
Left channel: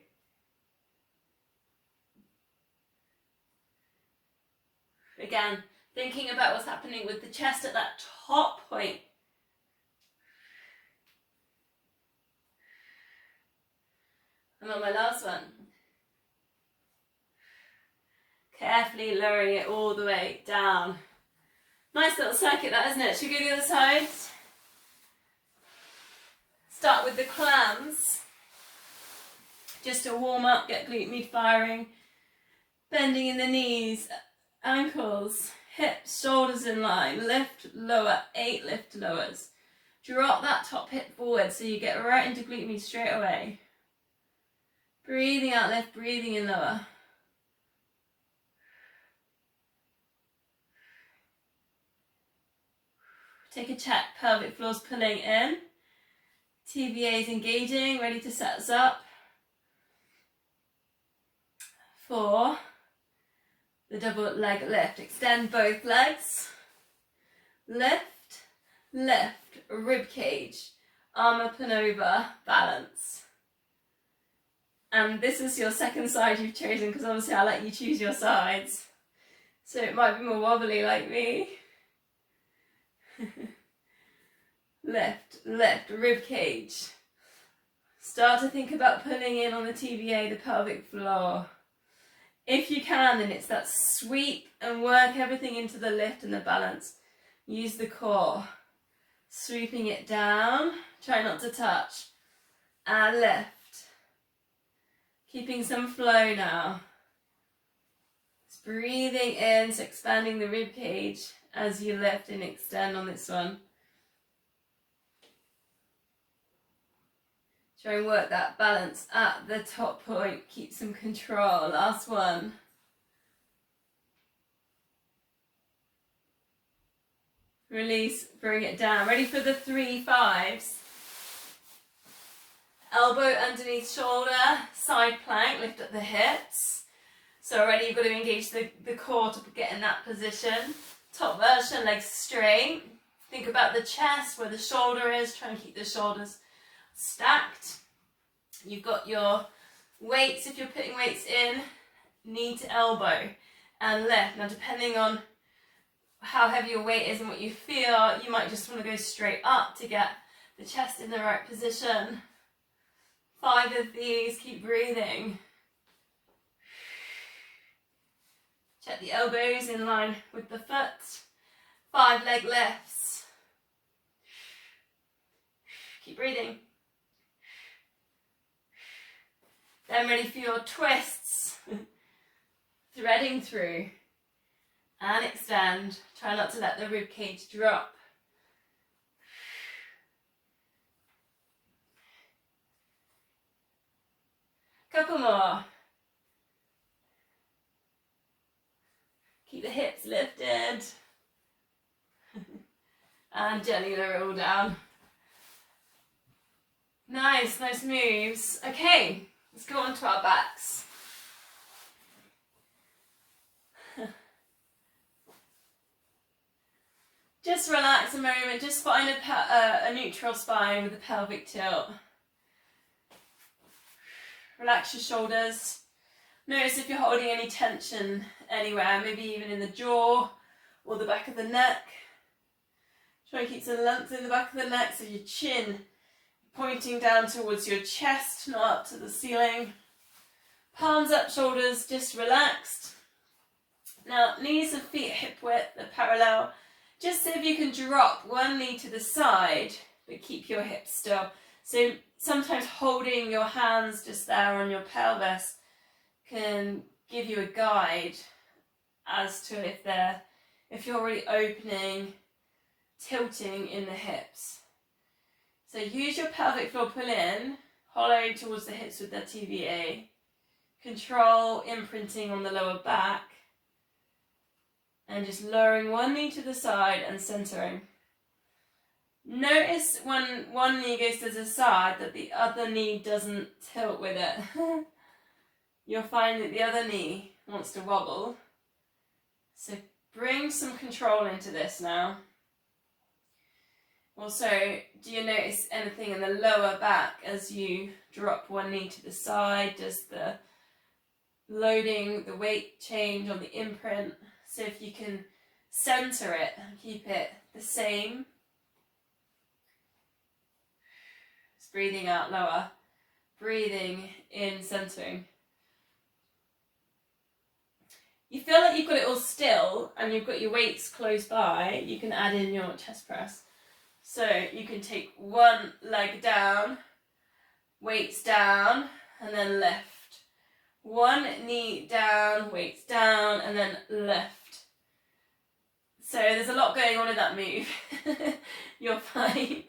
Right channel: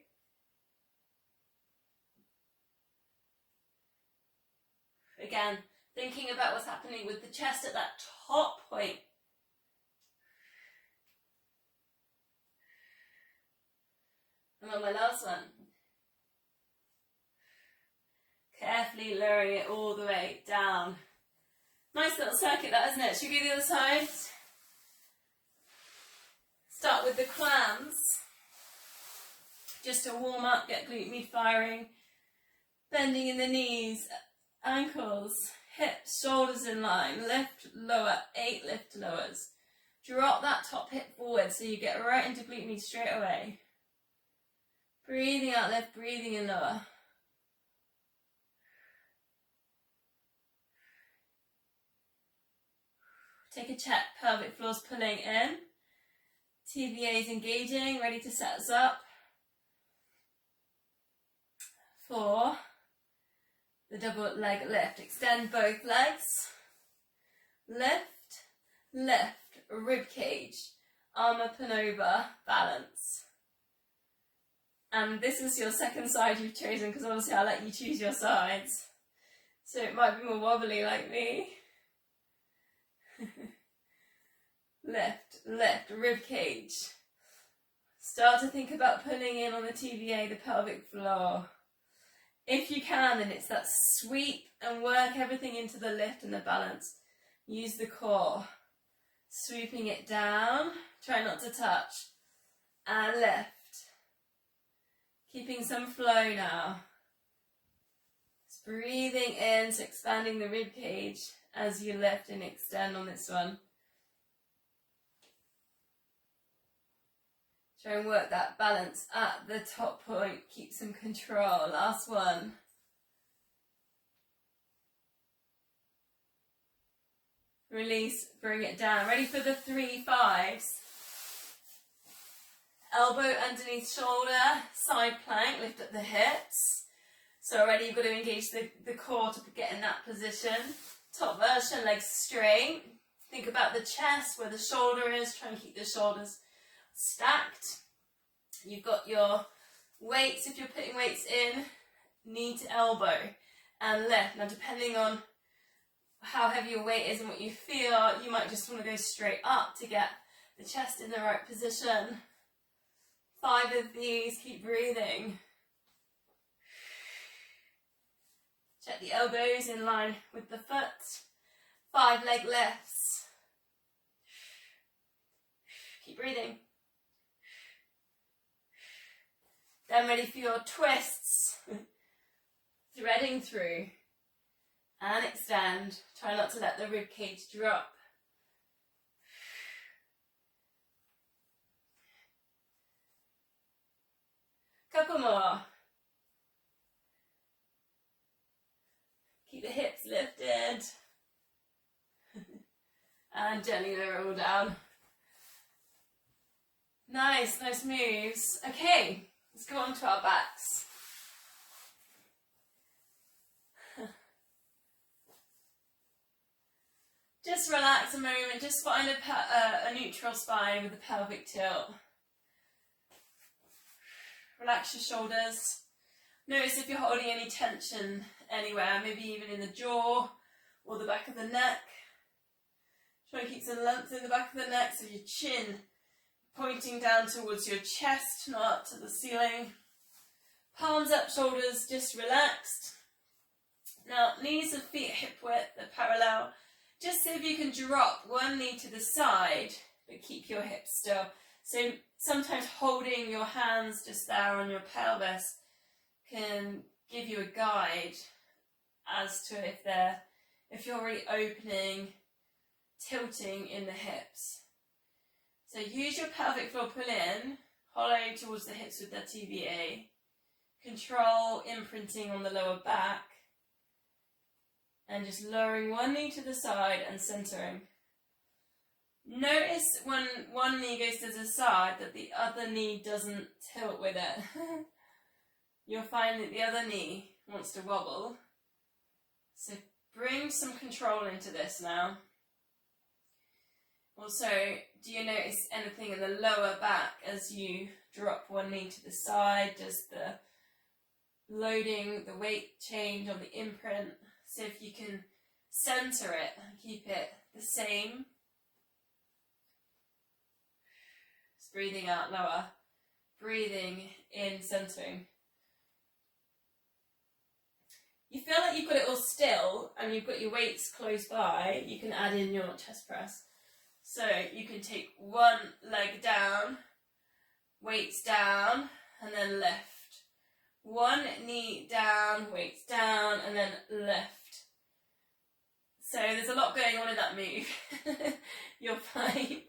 Again, thinking about what's happening with the chest at that top point. I'm on my last one. Carefully lowering it all the way down. Nice little circuit that, isn't it? Should we go to the other side? Start with the clams. Just to warm up, get glute med firing. Bending in the knees, ankles, hips, shoulders in line. Lift, lower, 8 lift lowers. Drop that top hip forward so you get right into glute med straight away. Breathing out, lift, breathing in, lower. Take a check, pelvic floor's pulling in. TBA is engaging, ready to set us up. 4, the double leg lift. Extend both legs. Lift, rib cage, arm up and over, balance. And this is your second side you've chosen, because obviously I'll let you choose your sides. So it might be more wobbly like me. Lift, rib cage. Start to think about pulling in on the TBA, the pelvic floor. If you can, then it's that sweep and work everything into the lift and the balance. Use the core. Sweeping it down, try not to touch. And lift. Keeping some flow now. Just breathing in, so expanding the rib cage as you lift and extend on this one. Try and work that balance at the top point. Keep some control. Last one. Release, bring it down. Ready for the 3 5s. Elbow underneath shoulder, side plank, lift up the hips. So already you've got to engage the core to get in that position. Top version, legs straight. Think about the chest, where the shoulder is. Try and keep the shoulders stacked. You've got your weights, if you're putting weights in, knee to elbow and lift. Now depending on how heavy your weight is and what you feel, you might just want to go straight up to get the chest in the right position. 5 of these, keep breathing. Check the elbows in line with the foot. 5 leg lifts. Keep breathing. Then ready for your twists. Threading through. And extend. Try not to let the rib cage drop. Couple more. Keep the hips lifted. And gently lower it all down. Nice moves. Okay, let's go on to our backs. Just relax a moment, just find a neutral spine with a pelvic tilt. Relax your shoulders. Notice if you're holding any tension anywhere, maybe even in the jaw or the back of the neck. Try and keep some length in the back of the neck so your chin pointing down towards your chest, not up to the ceiling. Palms up, shoulders just relaxed. Now, knees and feet hip width are parallel. Just see if you can drop one knee to the side, but keep your hips still. So sometimes holding your hands just there on your pelvis can give you a guide as to if you're already opening, tilting in the hips. So use your pelvic floor pull in, hollow towards the hips with the TBA. Control imprinting on the lower back. And just lowering one knee to the side and centering. Notice when one knee goes to the side that the other knee doesn't tilt with it. You'll find that the other knee wants to wobble. So bring some control into this now. Also, do you notice anything in the lower back as you drop one knee to the side? Does the loading, the weight change on the imprint? So if you can center it and keep it the same. Just breathing out lower. Breathing in, centering. You feel like you've got it all still and you've got your weights close by, you can add in your chest press. So you can take one leg down, weights down, and then lift. One knee down, weights down, and then lift. So there's a lot going on in that move, you'll find.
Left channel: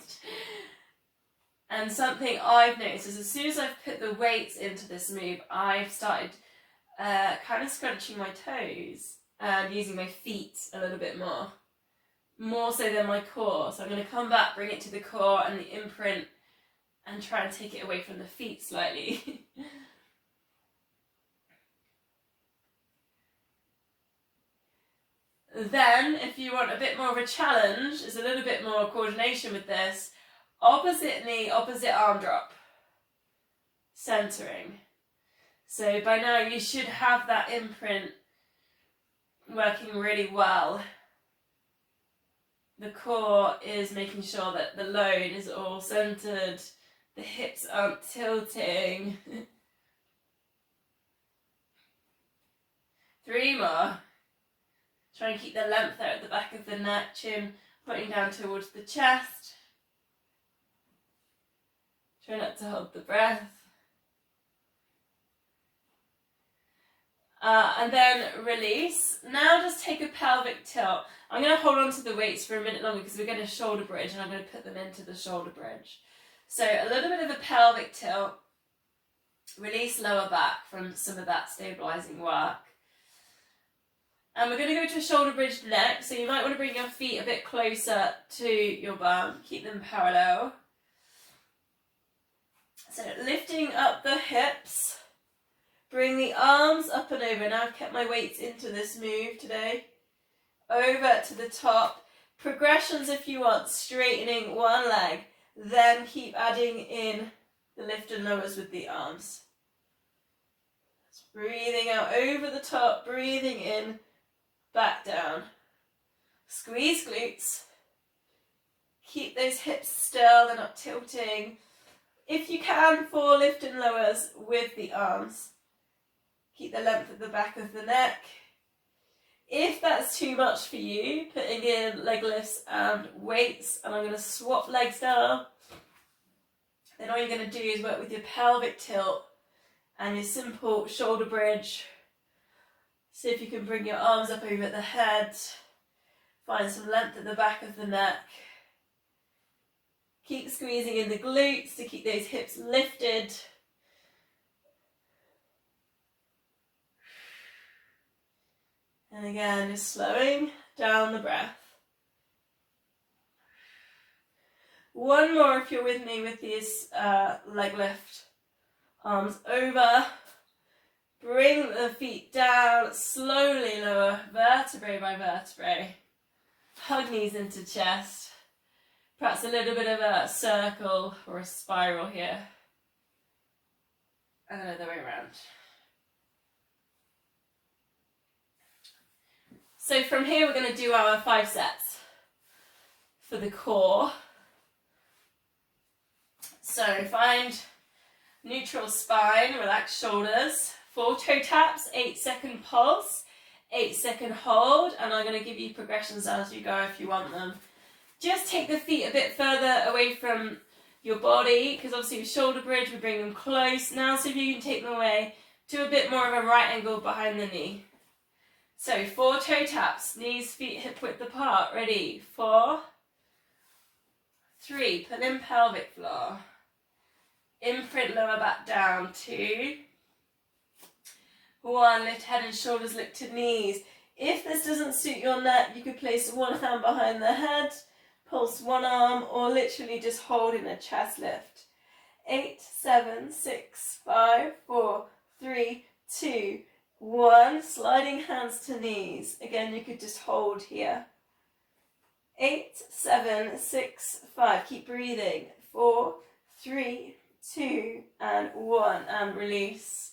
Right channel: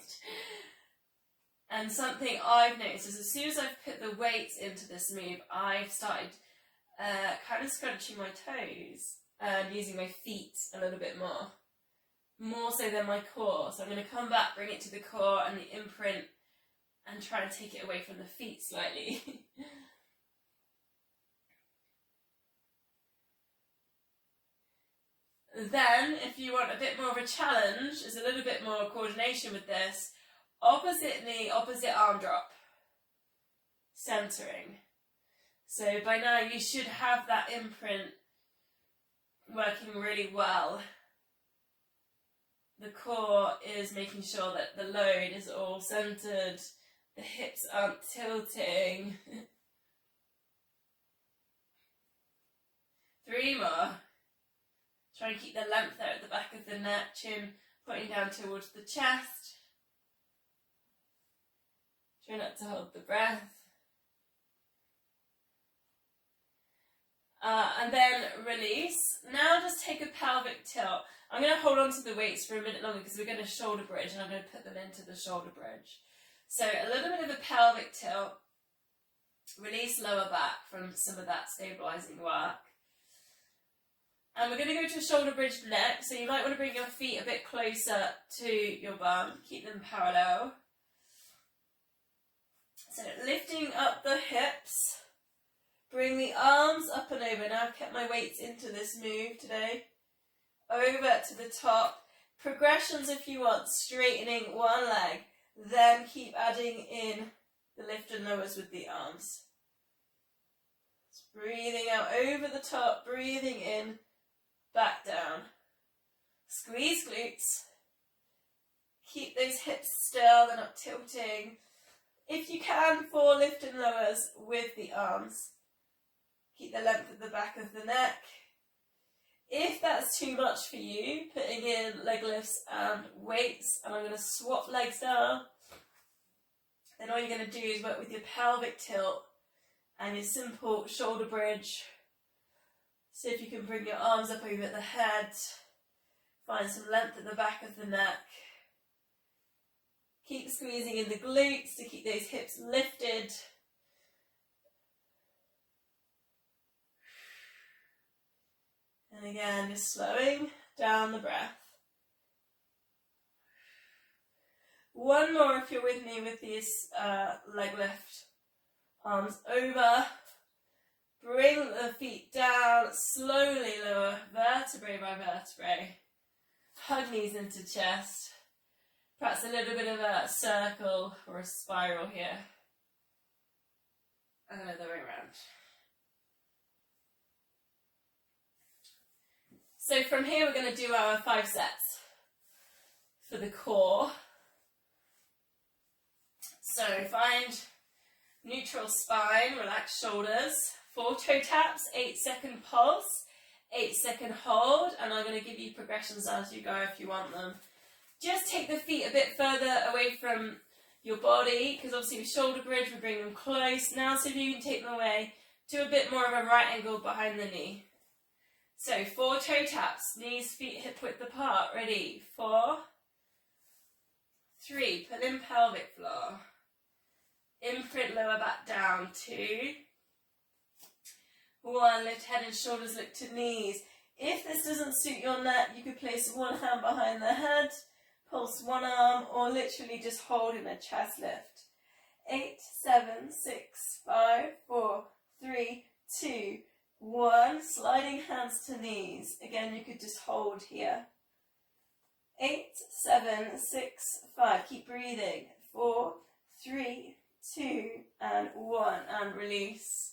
And something I've noticed is as soon as I've put the weights into this move, I've started kind of scrunching my toes and using my feet a little bit more so than my core. So I'm going to come back, bring it to the core and the imprint and try and take it away from the feet slightly. Then, if you want a bit more of a challenge, is a little bit more coordination with this. Opposite knee, opposite arm drop. Centering. So by now you should have that imprint working really well. The core is making sure that the load is all centered The hips aren't tilting. 3 more. Try and keep the length there at the back of the neck, chin pointing down towards the chest. Try not to hold the breath. And then release. Now just take a pelvic tilt. I'm going to hold on to the weights for a minute longer because we're going to shoulder bridge and I'm going to put them into the shoulder bridge. So a little bit of a pelvic tilt. Release lower back from some of that stabilising work. And we're going to go to a shoulder bridge next. So you might want to bring your feet a bit closer to your bum. Keep them parallel. So lifting up the hips. Bring the arms up and over. Now I've kept my weights into this move today. Over to the top. Progressions if you want. Straightening one leg. Then keep adding in the lift and lowers with the arms. Breathing out over the top. Breathing in. Back down. Squeeze glutes. Keep those hips still. They're not tilting. If you can, 4 lift and lowers with the arms. Keep the length at the back of the neck. If that's too much for you, putting in leg lifts and weights, and I'm going to swap legs now. Then all you're going to do is work with your pelvic tilt and your simple shoulder bridge. See if you can bring your arms up over the head. Find some length at the back of the neck. Keep squeezing in the glutes to keep those hips lifted. And again, just slowing down the breath. One more if you're with me with this leg lift. Arms over. Bring the feet down. Slowly lower vertebrae by vertebrae. Hug knees into chest. Perhaps a little bit of a circle or a spiral here. And another way around. So from here we're going to do our 5 sets for the core. So find neutral spine, relax shoulders, 4 toe taps, 8-second pulse, 8-second hold, and I'm going to give you progressions as you go if you want them. Just take the feet a bit further away from your body, because obviously with shoulder bridge we bring them close. Now see if you can take them away to a bit more of a right angle behind the knee. So 4 toe taps, knees, feet hip width apart. Ready? 4, 3, pull in pelvic floor. Imprint lower back down. 2, 1, lift head and shoulders, look to knees. If this doesn't suit your neck, you could place one hand behind the head, pulse one arm, or literally just hold in a chest lift. 8, 7, 6, 5, 4, 3, 2, 1, sliding hands to knees. Again, you could just hold here. 8, 7, 6, 5. Keep breathing. 4, 3, 2, and 1. And release.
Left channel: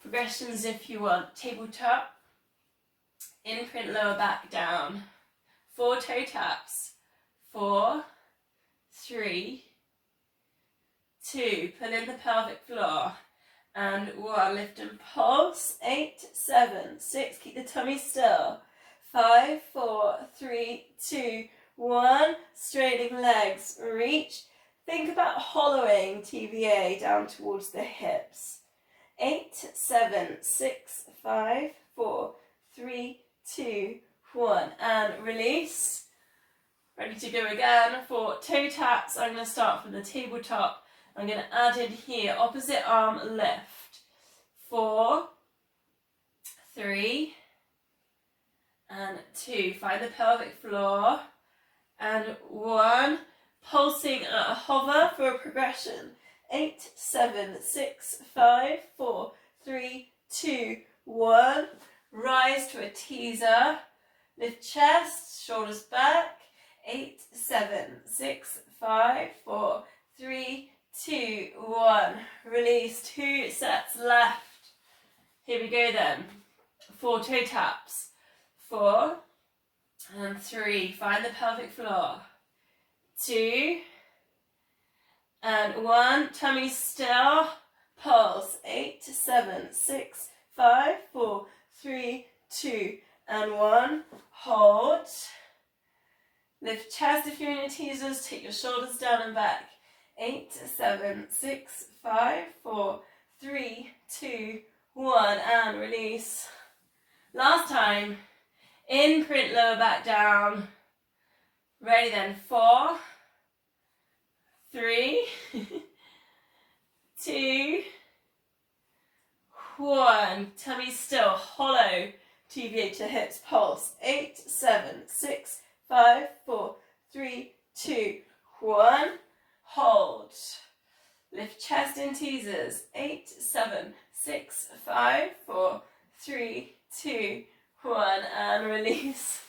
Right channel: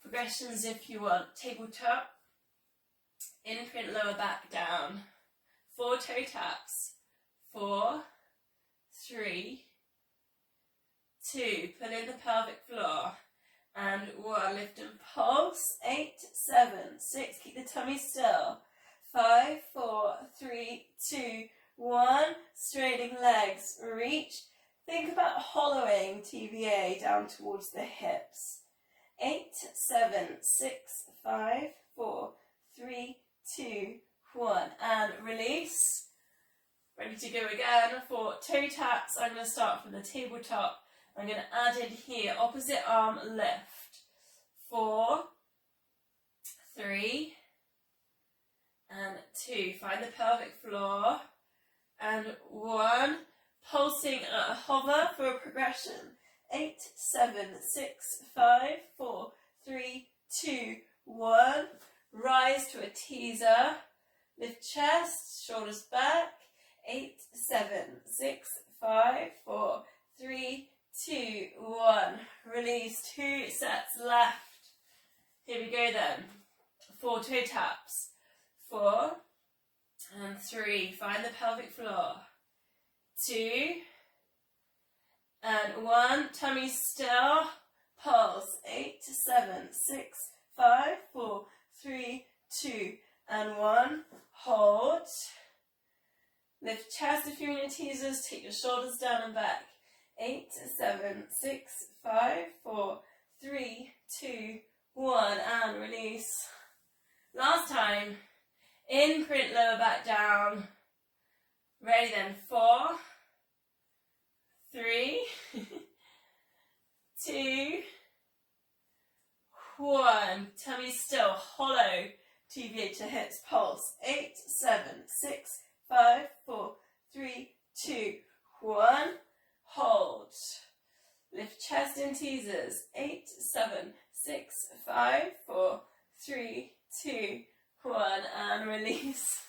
Progressions if you want. Tabletop. Imprint lower back down. 4 toe taps. 4, 3, 2. Pull in the pelvic floor. And 1, lift and pulse. 8, 7, 6, keep the tummy still. 5, 4, 3, 2, 1, straightening legs, reach. Think about hollowing TVA down towards the hips. 8, 7, 6, 5, 4, 3, 2, 1, and release. Ready to go again for toe taps. I'm going to start from the tabletop. I'm going to add in here, opposite arm lift. 4, 3, and 2. Find the pelvic floor. And 1. Pulsing at a hover for a progression. 8, 7, 6, 5, 4, 3, 2, 1. Rise to a teaser. Lift chest, shoulders back. 8, 7, 6, 5, 4, 3, 2, 1. Release. 2 sets left. Here we go then. 4 toe taps. 4 and 3. Find the pelvic floor. 2 and 1. Tummy still. Pulse. 8, 7, 6, 5, 4, 3, 2, and 1. Hold. Lift chest if you're in your teasers. Take your shoulders down and back. 8, 7, 6, 5, 4, 3, 2, 1, and release. Last time. Imprint lower back down. Ready then. 4, 3, 2, 1. Tummy still. Hollow. TBH to hips. Pulse. 8, 7, 6, 5, 4, 3, 2, 1. Hold. Lift chest in teasers. 8, 7, 6, 5, 4, 3, 2, 1. And release.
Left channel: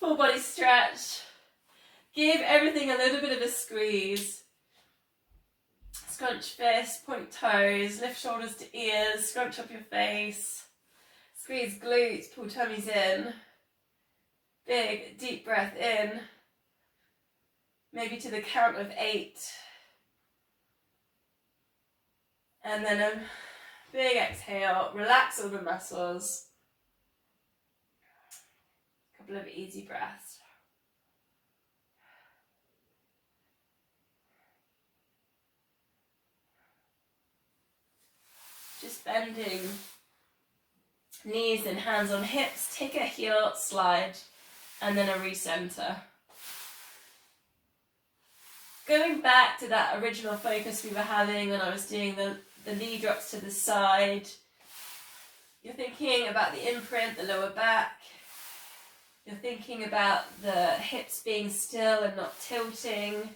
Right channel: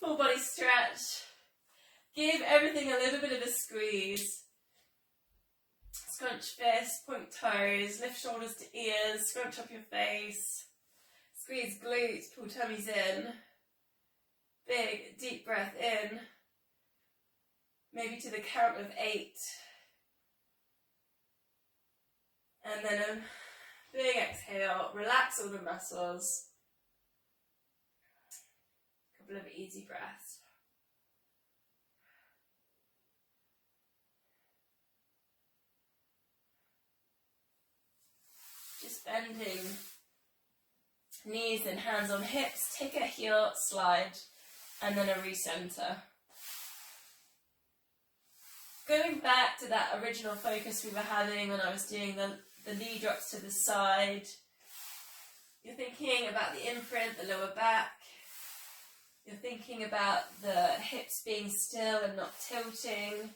Full body stretch. Give everything a little bit of a squeeze. Scrunch fists, point toes, lift shoulders to ears, scrunch up your face. Squeeze glutes, pull tummies in. Big, deep breath in. Maybe to the count of 8. And then a big exhale, relax all the muscles. A couple of easy breaths. Just bending knees and hands on hips. Take a heel slide and then a recenter. Going back to that original focus we were having when I was doing the knee drops to the side. You're thinking about the imprint, the lower back. You're thinking about the hips being still and not tilting.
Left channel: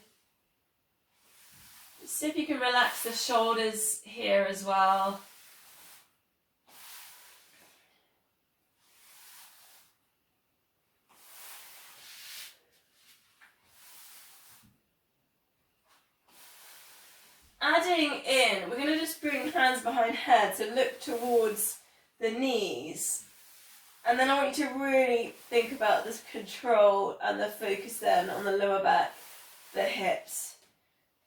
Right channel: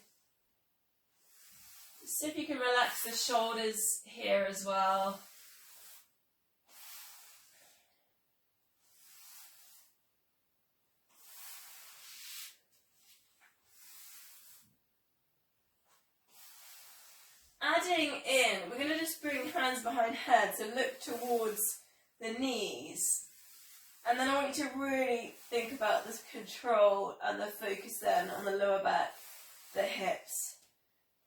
See if you can relax the shoulders here as well. Adding in, we're going to just bring hands behind head, so look towards the knees. And then I want you to really think about this control and the focus then on the lower back, the hips.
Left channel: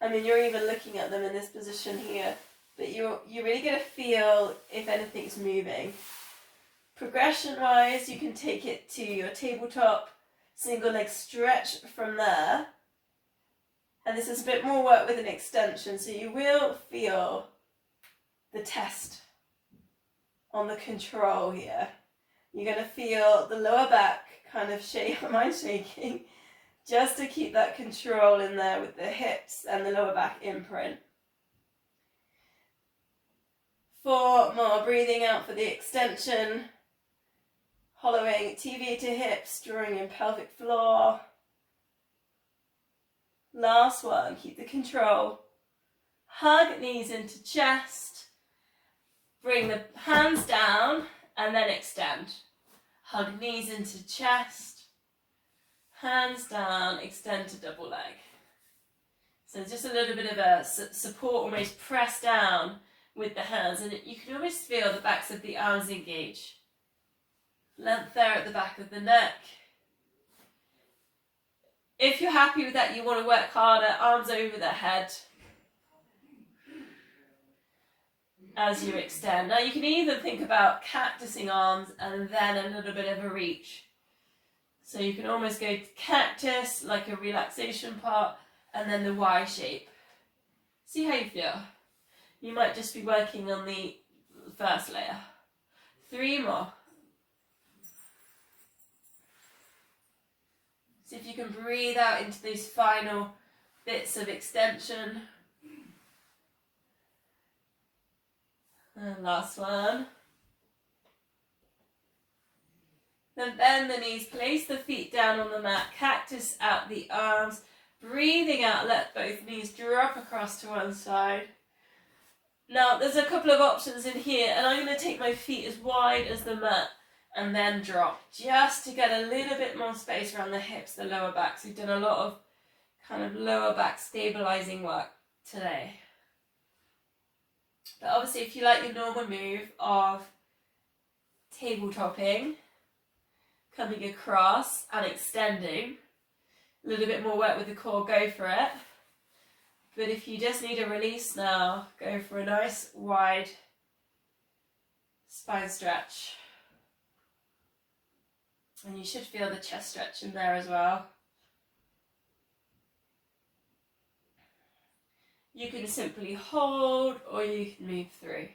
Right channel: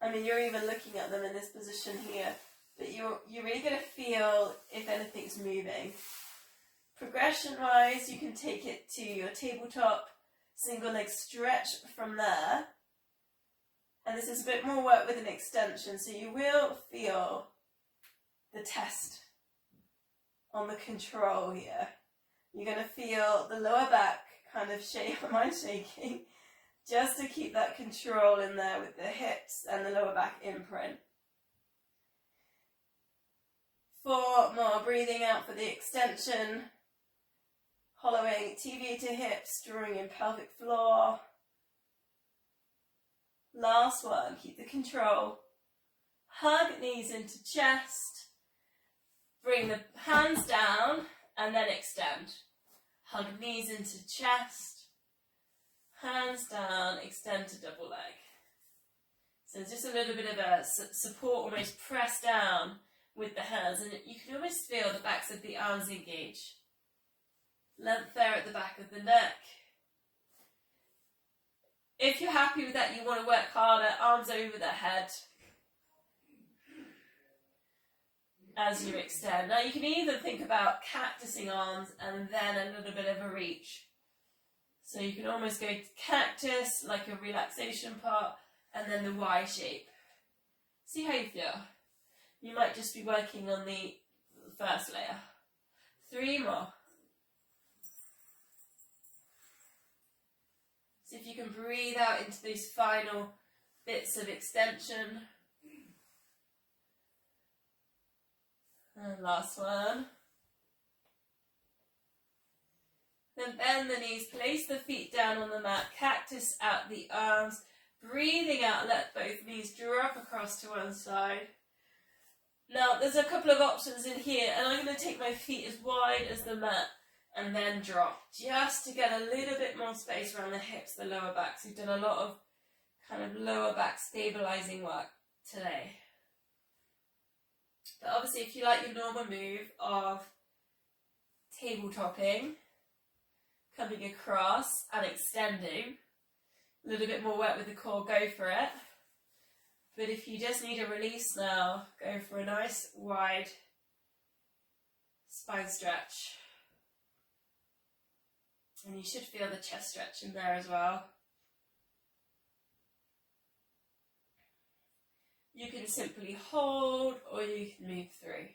I mean, you're even looking at them in this position here, but you're really going to feel if anything's moving. Progression-wise, you can take it to your tabletop, single leg stretch from there. And this is a bit more work with an extension, so you will feel the test on the control here. You're going to feel the lower back kind of shake, mind shaking, just to keep that control in there with the hips and the lower back imprint. 4 more, breathing out for the extension, hollowing TV to hips, drawing in pelvic floor. Last one, keep the control. Hug knees into chest. Bring the hands down and then extend. Hug knees into chest. Hands down, extend to double leg. So just a little bit of a support, almost press down with the hands. And you can almost feel the backs of the arms engage. Length there at the back of the neck. If you're happy with that, you want to work harder, arms over the head as you extend. Now you can either think about cactusing arms and then a little bit of a reach. So you can almost go to cactus, like a relaxation part, and then the Y shape. See how you feel. You might just be working on the first layer. 3 more. See if you can breathe out into these final bits of extension. And last one. Then bend the knees, place the feet down on the mat, cactus out the arms, breathing out, let both knees drop across to one side. Now there's a couple of options in here, and I'm going to take my feet as wide as the mat and then drop, just to get a little bit more space around the hips, the lower back. So we've done a lot of kind of lower back stabilizing work today. But obviously if you like your normal move of tabletopping, coming across and extending, a little bit more work with the core, go for it. But if you just need a release now, go for a nice wide spine stretch. And you should feel the chest stretch in there as well. You can simply hold or you can move through.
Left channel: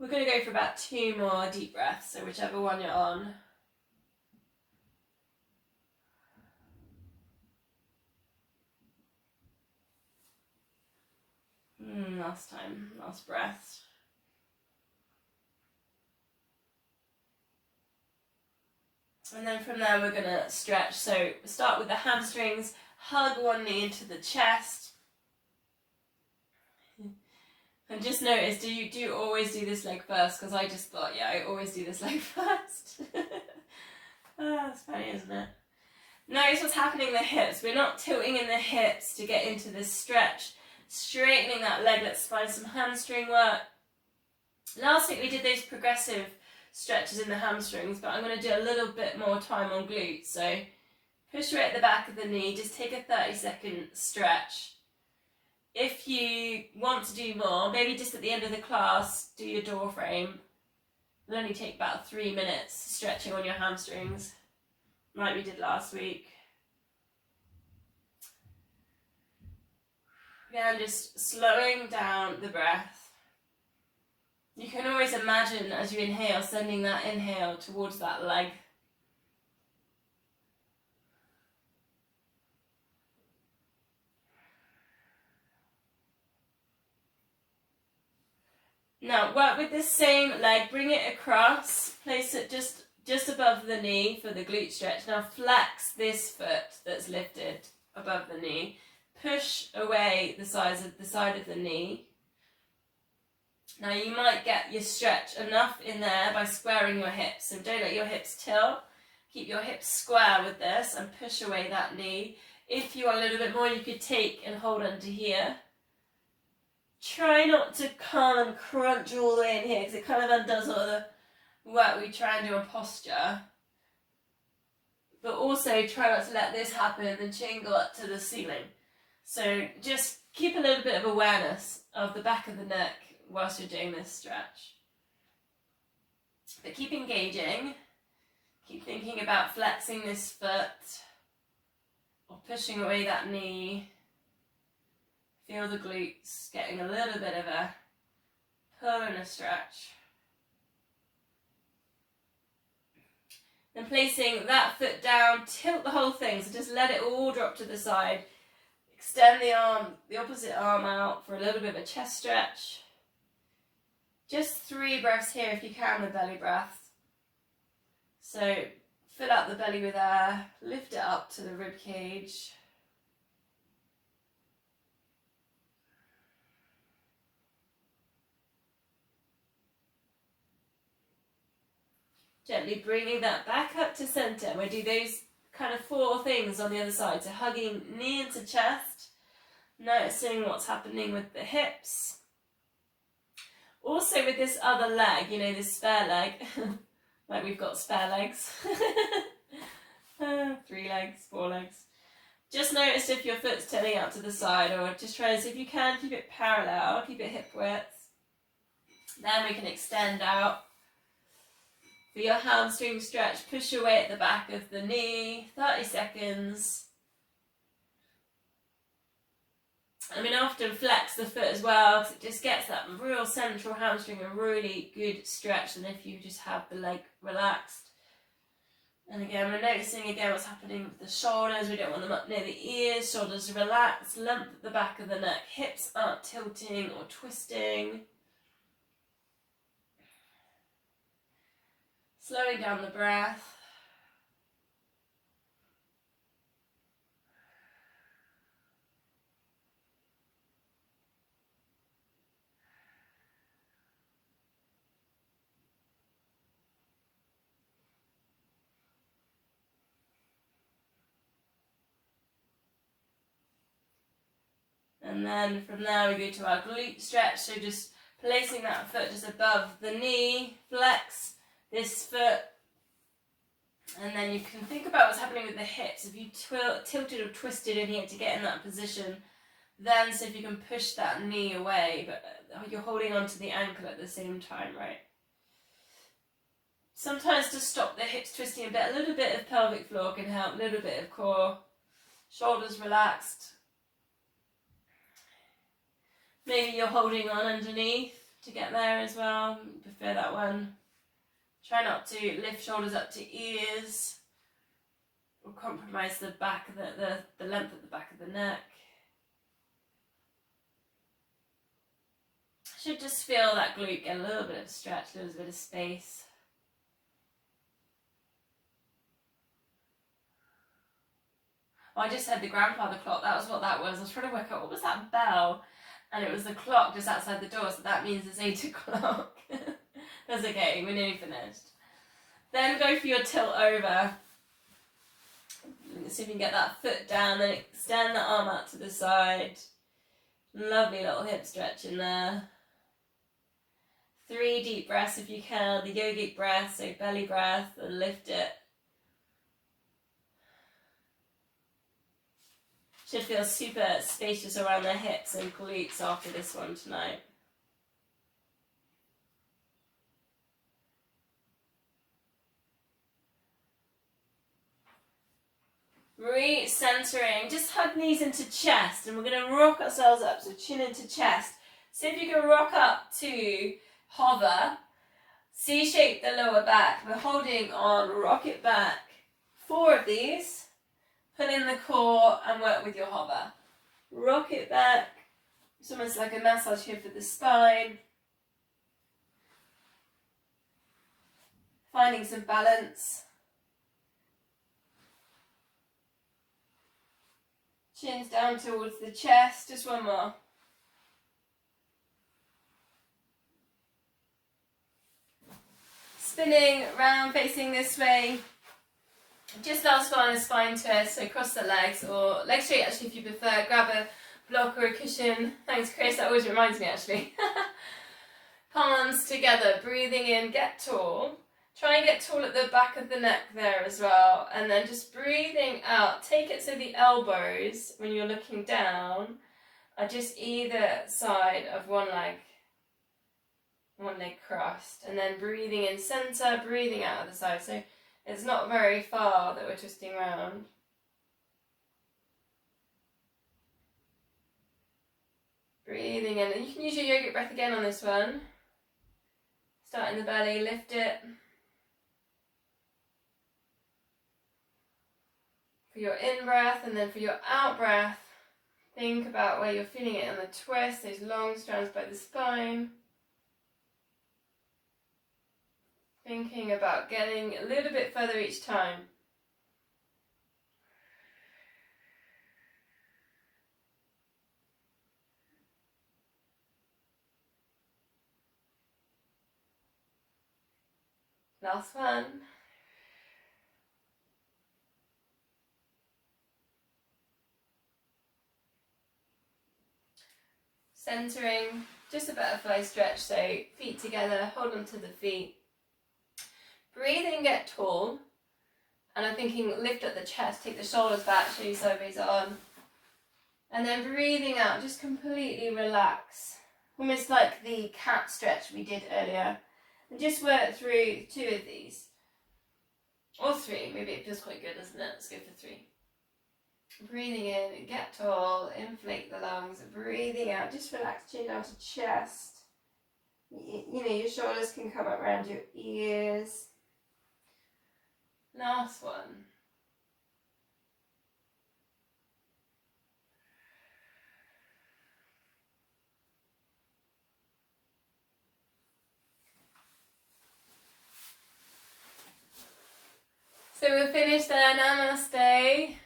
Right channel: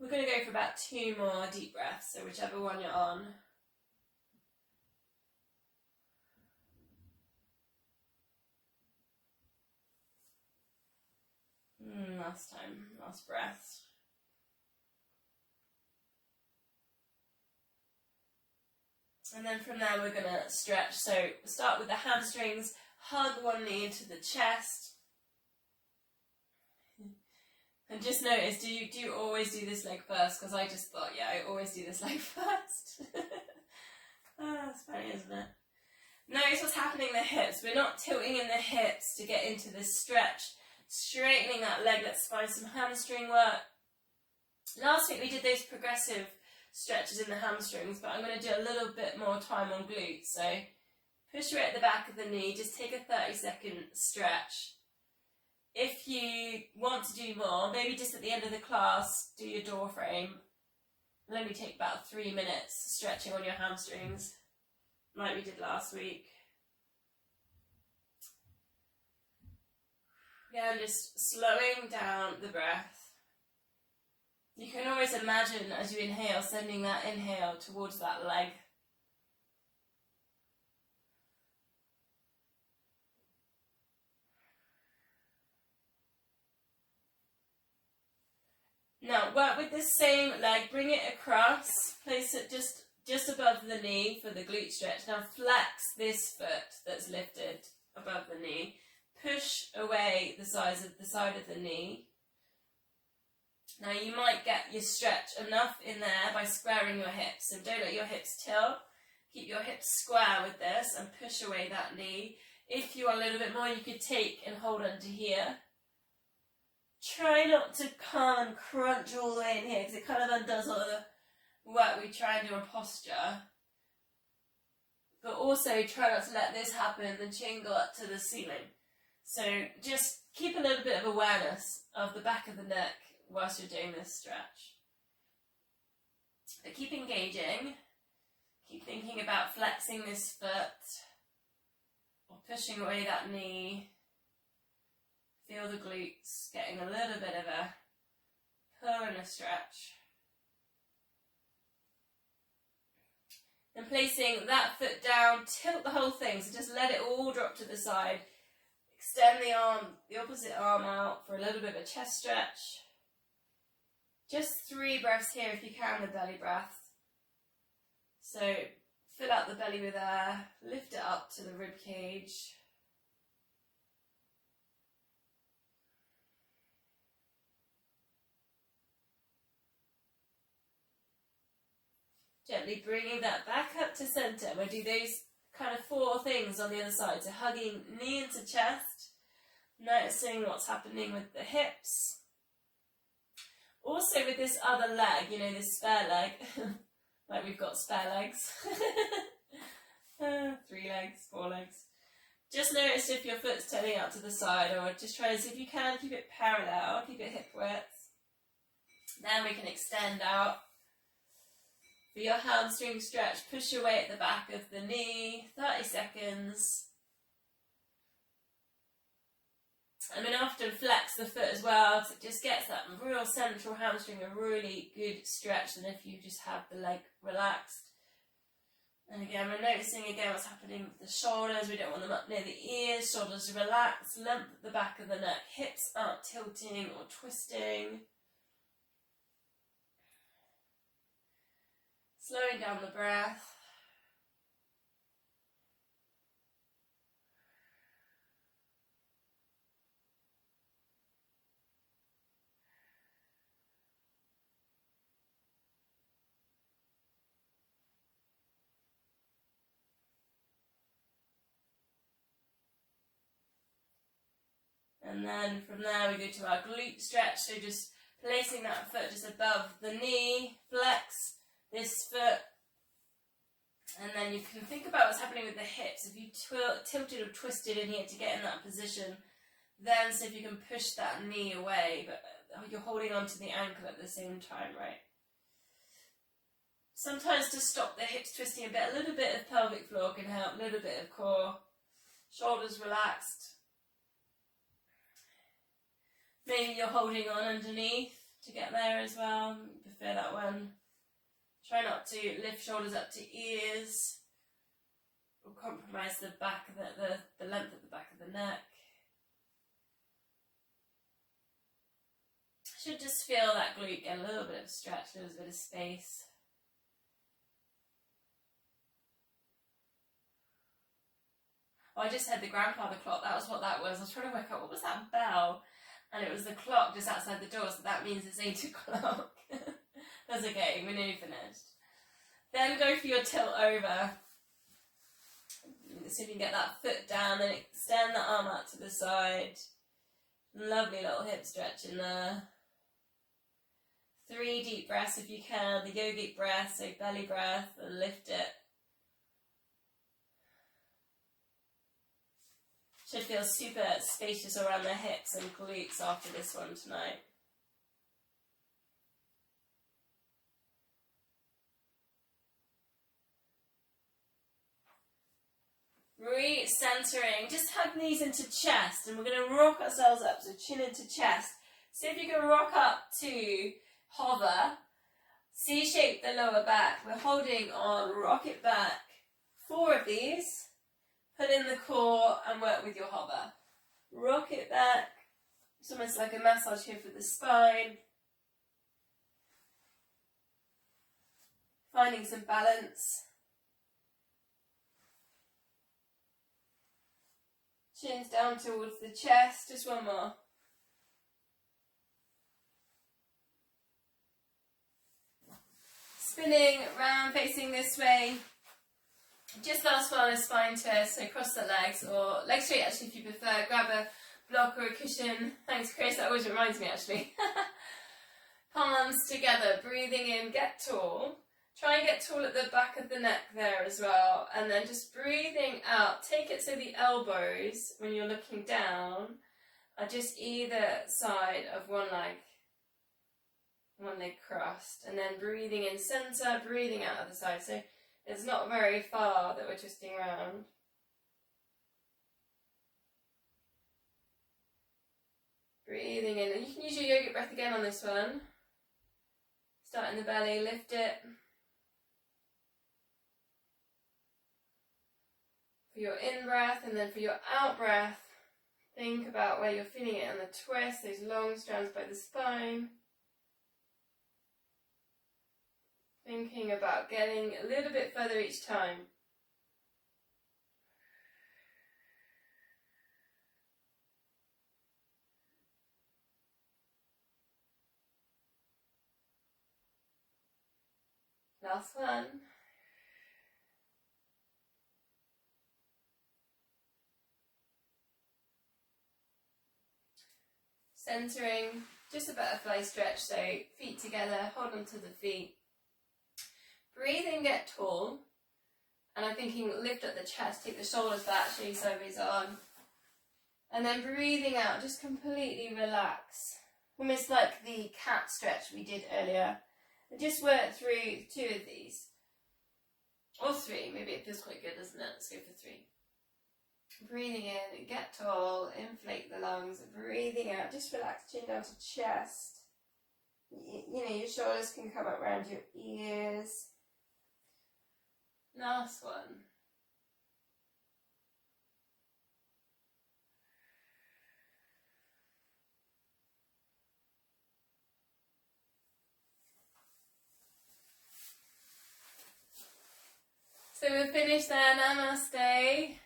We're going to go for about 2 more deep breaths, so whichever one you're on. Last time, last breath. And then from there we're going to stretch. So start with the hamstrings, hug one knee into the chest. And just notice, do you always do this leg first? Because I just thought, yeah, I always do this leg first. That's funny, isn't it? Notice what's happening in the hips. We're not tilting in the hips to get into this stretch. Straightening that leg. Let's find some hamstring work. Last week we did those progressive stretches in the hamstrings, but I'm going to do a little bit more time on glutes. So push away at the back of the knee. Just take a 30-second stretch. If you want to do more, maybe just at the end of the class, do your door frame. It'll only take about 3 minutes stretching on your hamstrings, like we did last week. Again, just slowing down the breath. You can always imagine as you inhale, sending that inhale towards that leg. Now work with this same leg, bring it across, place it just above the knee for the glute stretch. Now flex this foot that's lifted above the knee. Push away the side of the knee. Now you might get your stretch enough in there by squaring your hips. So don't let your hips tilt. Keep your hips square with this and push away that knee. If you want a little bit more, you could take and hold under here. Try not to come and crunch all the way in here because it kind of undoes all the work we try and do on posture. But also try not to let this happen and the chin go up to the ceiling. So just keep a little bit of awareness of the back of the neck whilst you're doing this stretch. But keep engaging. Keep thinking about flexing this foot or pushing away that knee. Feel the glutes getting a little bit of a pull and a stretch. Then placing that foot down, tilt the whole thing, so just let it all drop to the side. Extend the arm, the opposite arm out for a little bit of a chest stretch. Just 3 breaths here if you can with belly breath. So fill out the belly with air, lift it up to the rib cage. Gently bringing that back up to center. We'll do those kind of 4 things on the other side. So hugging knee into chest, noticing what's happening with the hips. Also with this other leg, you know, this spare leg, like we've got spare legs. 3 legs, 4 legs. Just notice if your foot's turning out to the side, or just try to see if you can keep it parallel, keep it hip width. Then we can extend out. For your hamstring stretch, push away at the back of the knee, 30 seconds. I mean, often flex the foot as well, because it just gets that real central hamstring a really good stretch than if you just have the leg relaxed. And again, we're noticing again what's happening with the shoulders. We don't want them up near the ears. Shoulders relax, lump at the back of the neck. Hips aren't tilting or twisting. Slowing down the breath. And then from there we go to our glute stretch. So just placing that foot just above the knee, flex this foot. And then you can think about what's happening with the hips. If you tilted or twisted in here to get in that position, Then see if you can push that knee away, but you're holding onto the ankle at the same time, right? Sometimes to stop the hips twisting a bit, a little bit of pelvic floor can help, a little bit of core, shoulders relaxed. Maybe you're holding on underneath to get there as well. Prefer that one. Try not to lift shoulders up to ears or compromise the back of the length at the back of the neck. Should just feel that glute get a little bit of a stretch, a little bit of space. Oh, I just heard the grandfather clock. That was what that was. I was trying to work out what was that bell, and it was the clock just outside the door, so that means it's 8 o'clock. That's okay, we're nearly finished. Then go for your tilt over. See if you can get that foot down, then extend the arm out to the side. Lovely little hip stretch in there. 3 deep breaths if you can, the yogic breath, so belly breath, and lift it. Should feel super spacious around the hips and glutes after this one tonight. Re-centering, just hug knees into chest, and we're going to rock ourselves up, so chin into chest. See if you can rock up to hover, C-shape the lower back. We're holding on, rock it back. 4 of these. Pull in the core and work with your hover. Rock it back. It's almost like a massage here for the spine. Finding some balance. Chin's down towards the chest. Just one more. Spinning round, facing this way. Just last one, a spine twist, so cross the legs, or leg straight actually if you prefer. Grab a block or a cushion. Thanks Chris, that always reminds me actually. Palms together, breathing in, get tall. Try and get tall at the back of the neck there as well. And then just breathing out, take it so the elbows, when you're looking down, are just either side of one leg crossed. And then breathing in center, breathing out of the side. So it's not very far that we're twisting around. Breathing in, and you can use your yogic breath again on this one. Start in the belly, lift it. For your in breath, and then for your out breath, think about where you're feeling it on the twist, those long strands by the spine. Thinking about getting a little bit further each time. Last one. Centering, just a butterfly stretch, so feet together, hold on to the feet. Breathe in, get tall. And I'm thinking lift up the chest, take the shoulders back, show you sideways on. And then breathing out, just completely relax. Almost like the cat stretch we did earlier. And just work through 2 of these. Or 3, maybe it feels quite good, doesn't it? Let's go for 3. Breathing in, get tall, inflate the lungs. Breathing out, just relax, chin down to chest. You know, your shoulders can come up around your ears. Last one. So we're finished there. Namaste.